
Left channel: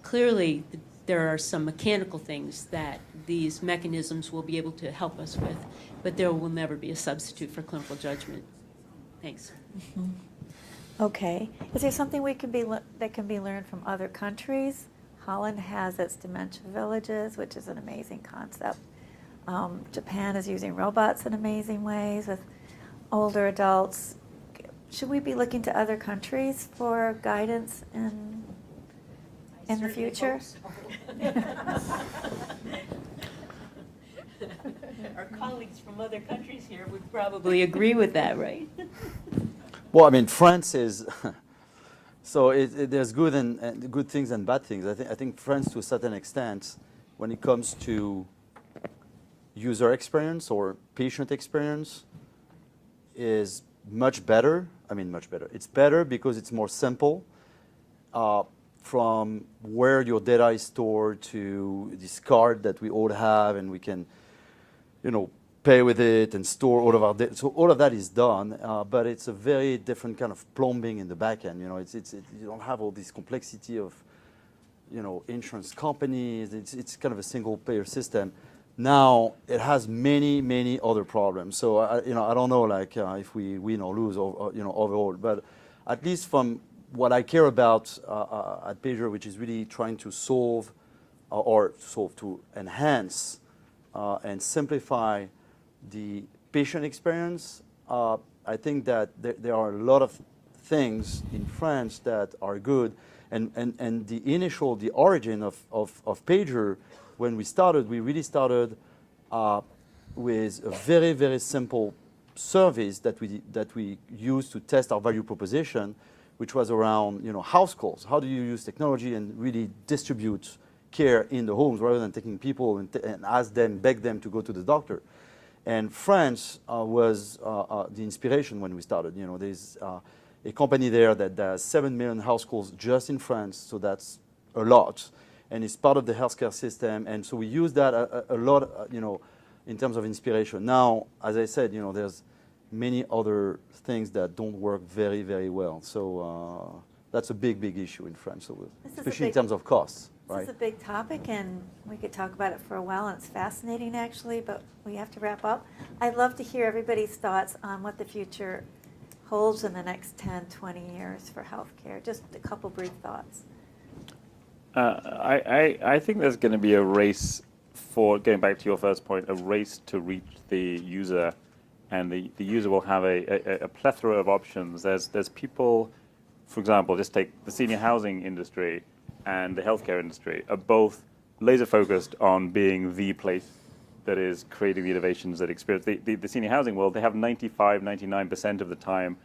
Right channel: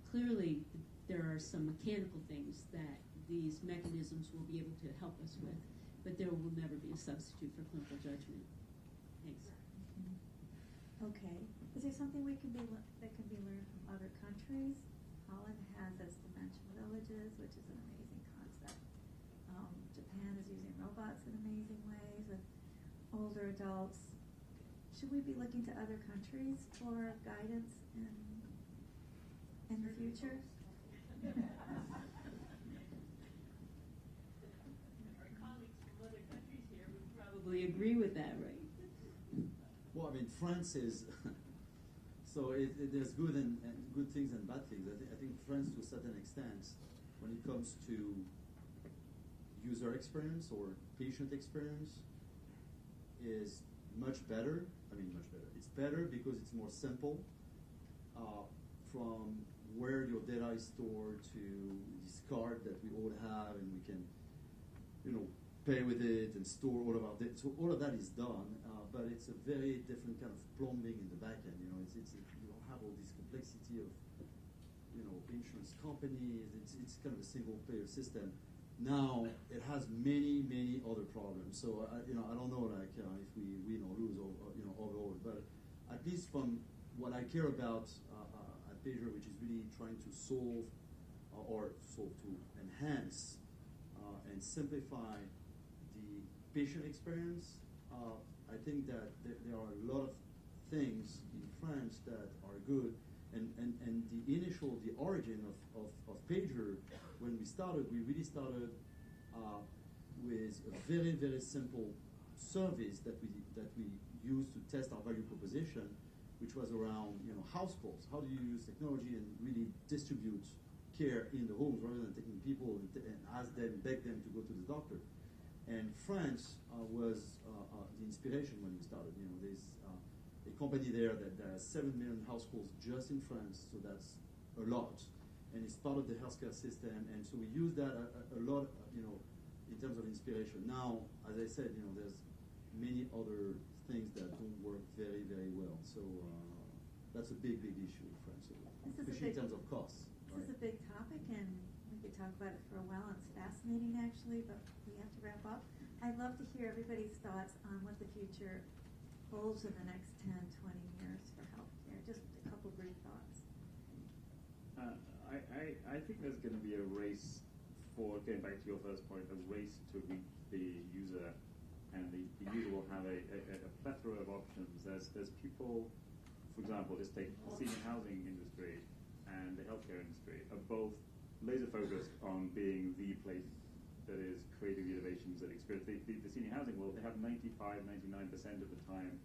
Clearly, there are some mechanical things that these mechanisms will be able to help us with, but there will never be a substitute for clinical judgment. Thanks. Okay. Is there something that can be learned from other countries? Holland has its dementia villages, which is an amazing concept. Japan is using robots in amazing ways with older adults. Should we be looking to other countries for guidance in the future? Our colleagues from other countries here would probably agree with that, right? Well, I mean, France is so there's good and good things and bad things. I think France, to a certain extent, when it comes to user experience or patient experience, is much better. I mean, much better. It's better because it's more simple. From where your data is stored to this card that we all have, and we can, pay with it and store all of our data. So all of that is done, but it's a very different kind of plumbing in the back end. You don't have all this complexity of, insurance companies. It's kind of a single payer system. Now it has many, many other problems. So I don't know if we win or lose overall, but at least from what I care about at Pager, which is really trying to to enhance and simplify the patient experience. I think that there are a lot of things in France that are good, and the origin of Pager, when we really started with a very, very simple service that we used to test our value proposition, which was around house calls. How do you use technology and really distribute care in the homes rather than taking people and beg them to go to the doctor? And France was the inspiration when we started. There's a company there that does 7 million house calls just in France, so that's a lot, and it's part of the healthcare system. And so we use that a lot, in terms of inspiration. Now, as I said, there's many other things that don't work very, very well. So that's a big, big issue in France, especially in terms of costs. This is a big topic, and we could talk about it for a while, and it's fascinating, actually, but we have to wrap up. I'd love to hear everybody's thoughts on what the future holds in the next 10, 20 years for healthcare. Just a couple brief thoughts. I think there's going to be a race for, going back to your first point, a race to reach the user, and the user will have a plethora of options. There's people, for example, just take the senior housing industry and the healthcare industry are both laser focused on being the place that is creating the innovations that experience. The senior housing world, they have 99% of the time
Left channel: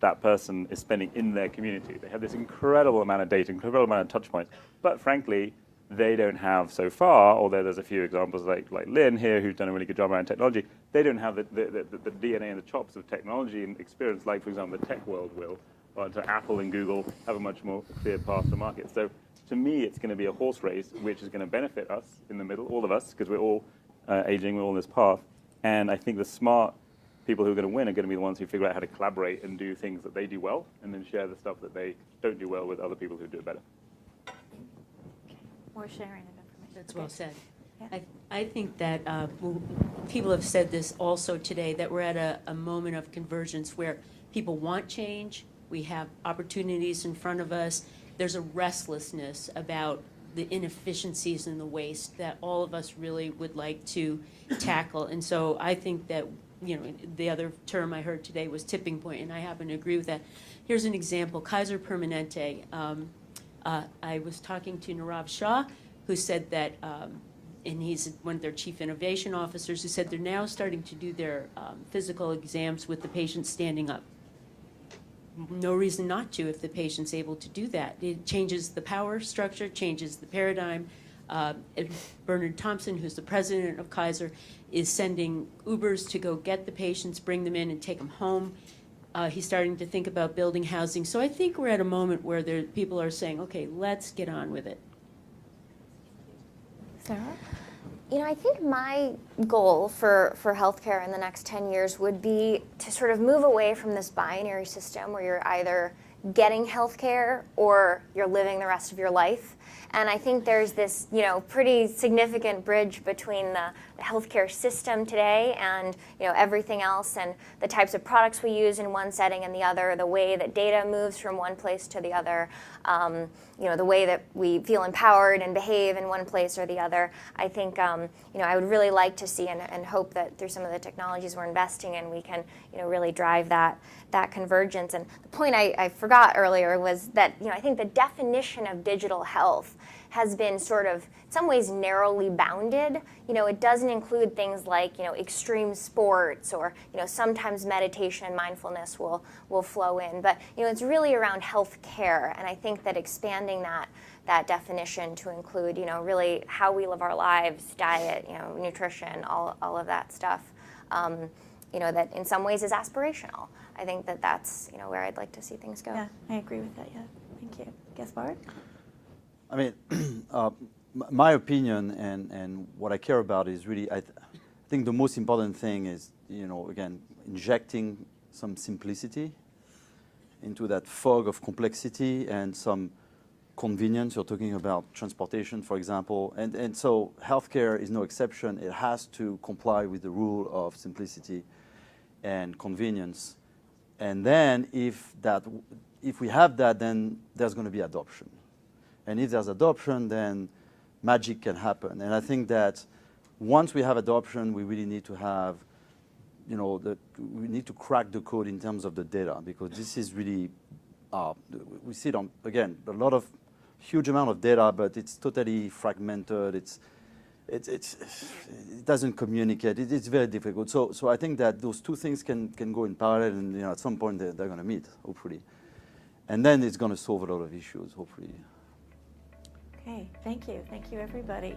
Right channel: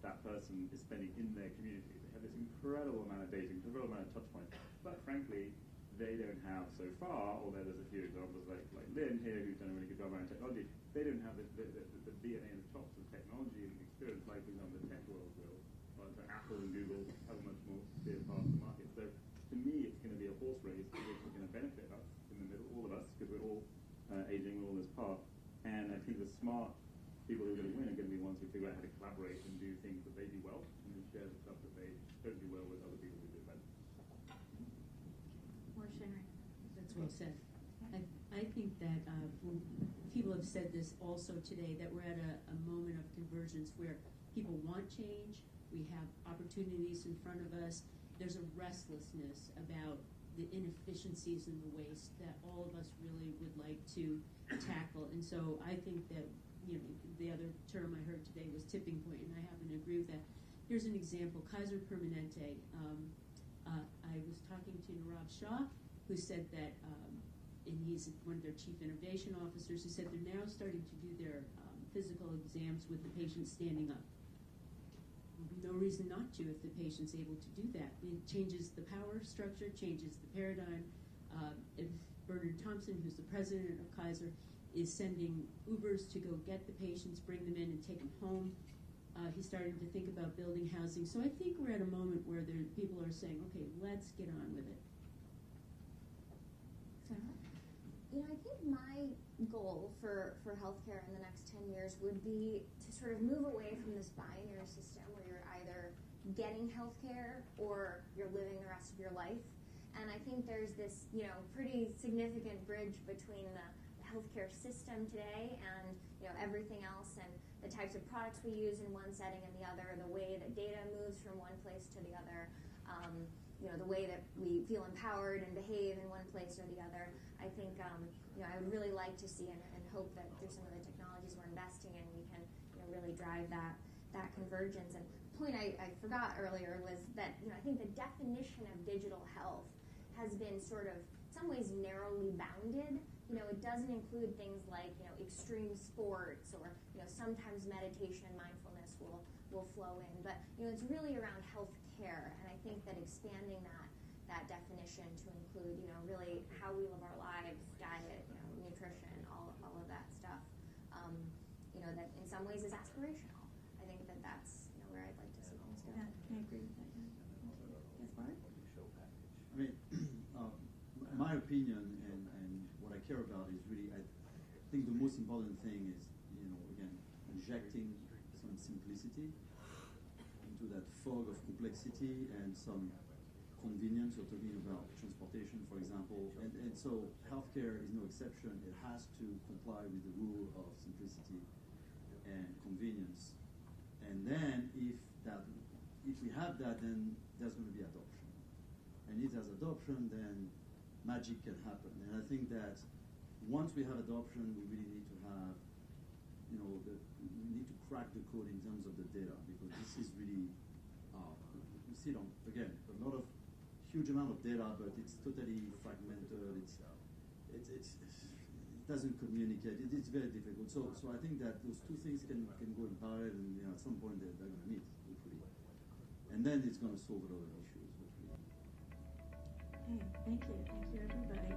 that person is spending in their community. They have this incredible amount of data, incredible amount of touch points, but frankly, they don't have so far, although there's a few examples like Lynn here who's done a really good job around technology, they don't have the DNA and the chops of technology and experience like, for example, the tech world will. But Apple and Google have a much more clear path to market. So to me, it's going to be a horse race, which is going to benefit us in the middle, all of us, because we're all aging, we're all on this path. And I think the smart people who are going to win are going to be the ones who figure out how to collaborate and do things that they do well, and then share the stuff that they don't do well with other people who do it better. More sharing of information. That's well said. Yeah. I think that people have said this also today, that we're at a moment of convergence where people want change, we have opportunities in front of us, there's a restlessness about the inefficiencies and the waste that all of us really would like to tackle. And so I think that, the other term I heard today was tipping point, and I happen to agree with that. Here's an example, Kaiser Permanente. I was talking to Nirav Shah, who said that, and he's one of their chief innovation officers, who said they're now starting to do their physical exams with the patient standing up. No reason not to if the patient's able to do that. It changes the power structure, changes the paradigm. Bernard Thompson, who's the president of Kaiser, is sending Ubers to go get the patients, bring them in, and take them home. He's starting to think about building housing. So I think we're at a moment where people are saying, okay, let's get on with it. Sara? I think my goal for healthcare in the next 10 years would be to sort of move away from this binary system where you're either getting healthcare or you're living the rest of your life. And I think there's this, pretty significant bridge between the healthcare system today and, everything else, and the types of products we use in one setting and the other, the way that data moves from one place to the other, the way that we feel empowered and behave in one place or the other. I think, I would really like to see and hope that through some of the technologies we're investing in, we can, really drive that convergence. And the point I forgot earlier was that, I think the definition of digital health has been sort of, in some ways, narrowly bounded. It doesn't include things like, extreme sports or, sometimes meditation and mindfulness will flow in. But, it's really around health care. And I think that expanding that definition to include, really how we live our lives, diet, nutrition, all of that stuff, that in some ways is aspirational. I think that that's where I'd like to see things go. Yeah, I agree with that. Yeah, thank you. Gaspard? I mean, my opinion and what I care about is really, I think the most important thing is, again, injecting some simplicity into that fog of complexity and some convenience. You're talking about transportation, for example, and so healthcare is no exception. It has to comply with the rule of simplicity and convenience. And then if we have that, then there's going to be adoption. And if there's adoption, then magic can happen. And I think that once we have adoption, we really need to have, we need to crack the code in terms of the data, because this is really, we see it on, again, a lot of huge amount of data, but it's totally fragmented. It doesn't communicate. It's very difficult. So I think that those two things can go in parallel, and at some point they're going to meet, hopefully. And then it's going to solve a lot of issues, hopefully. Okay, thank you. Thank you, everybody.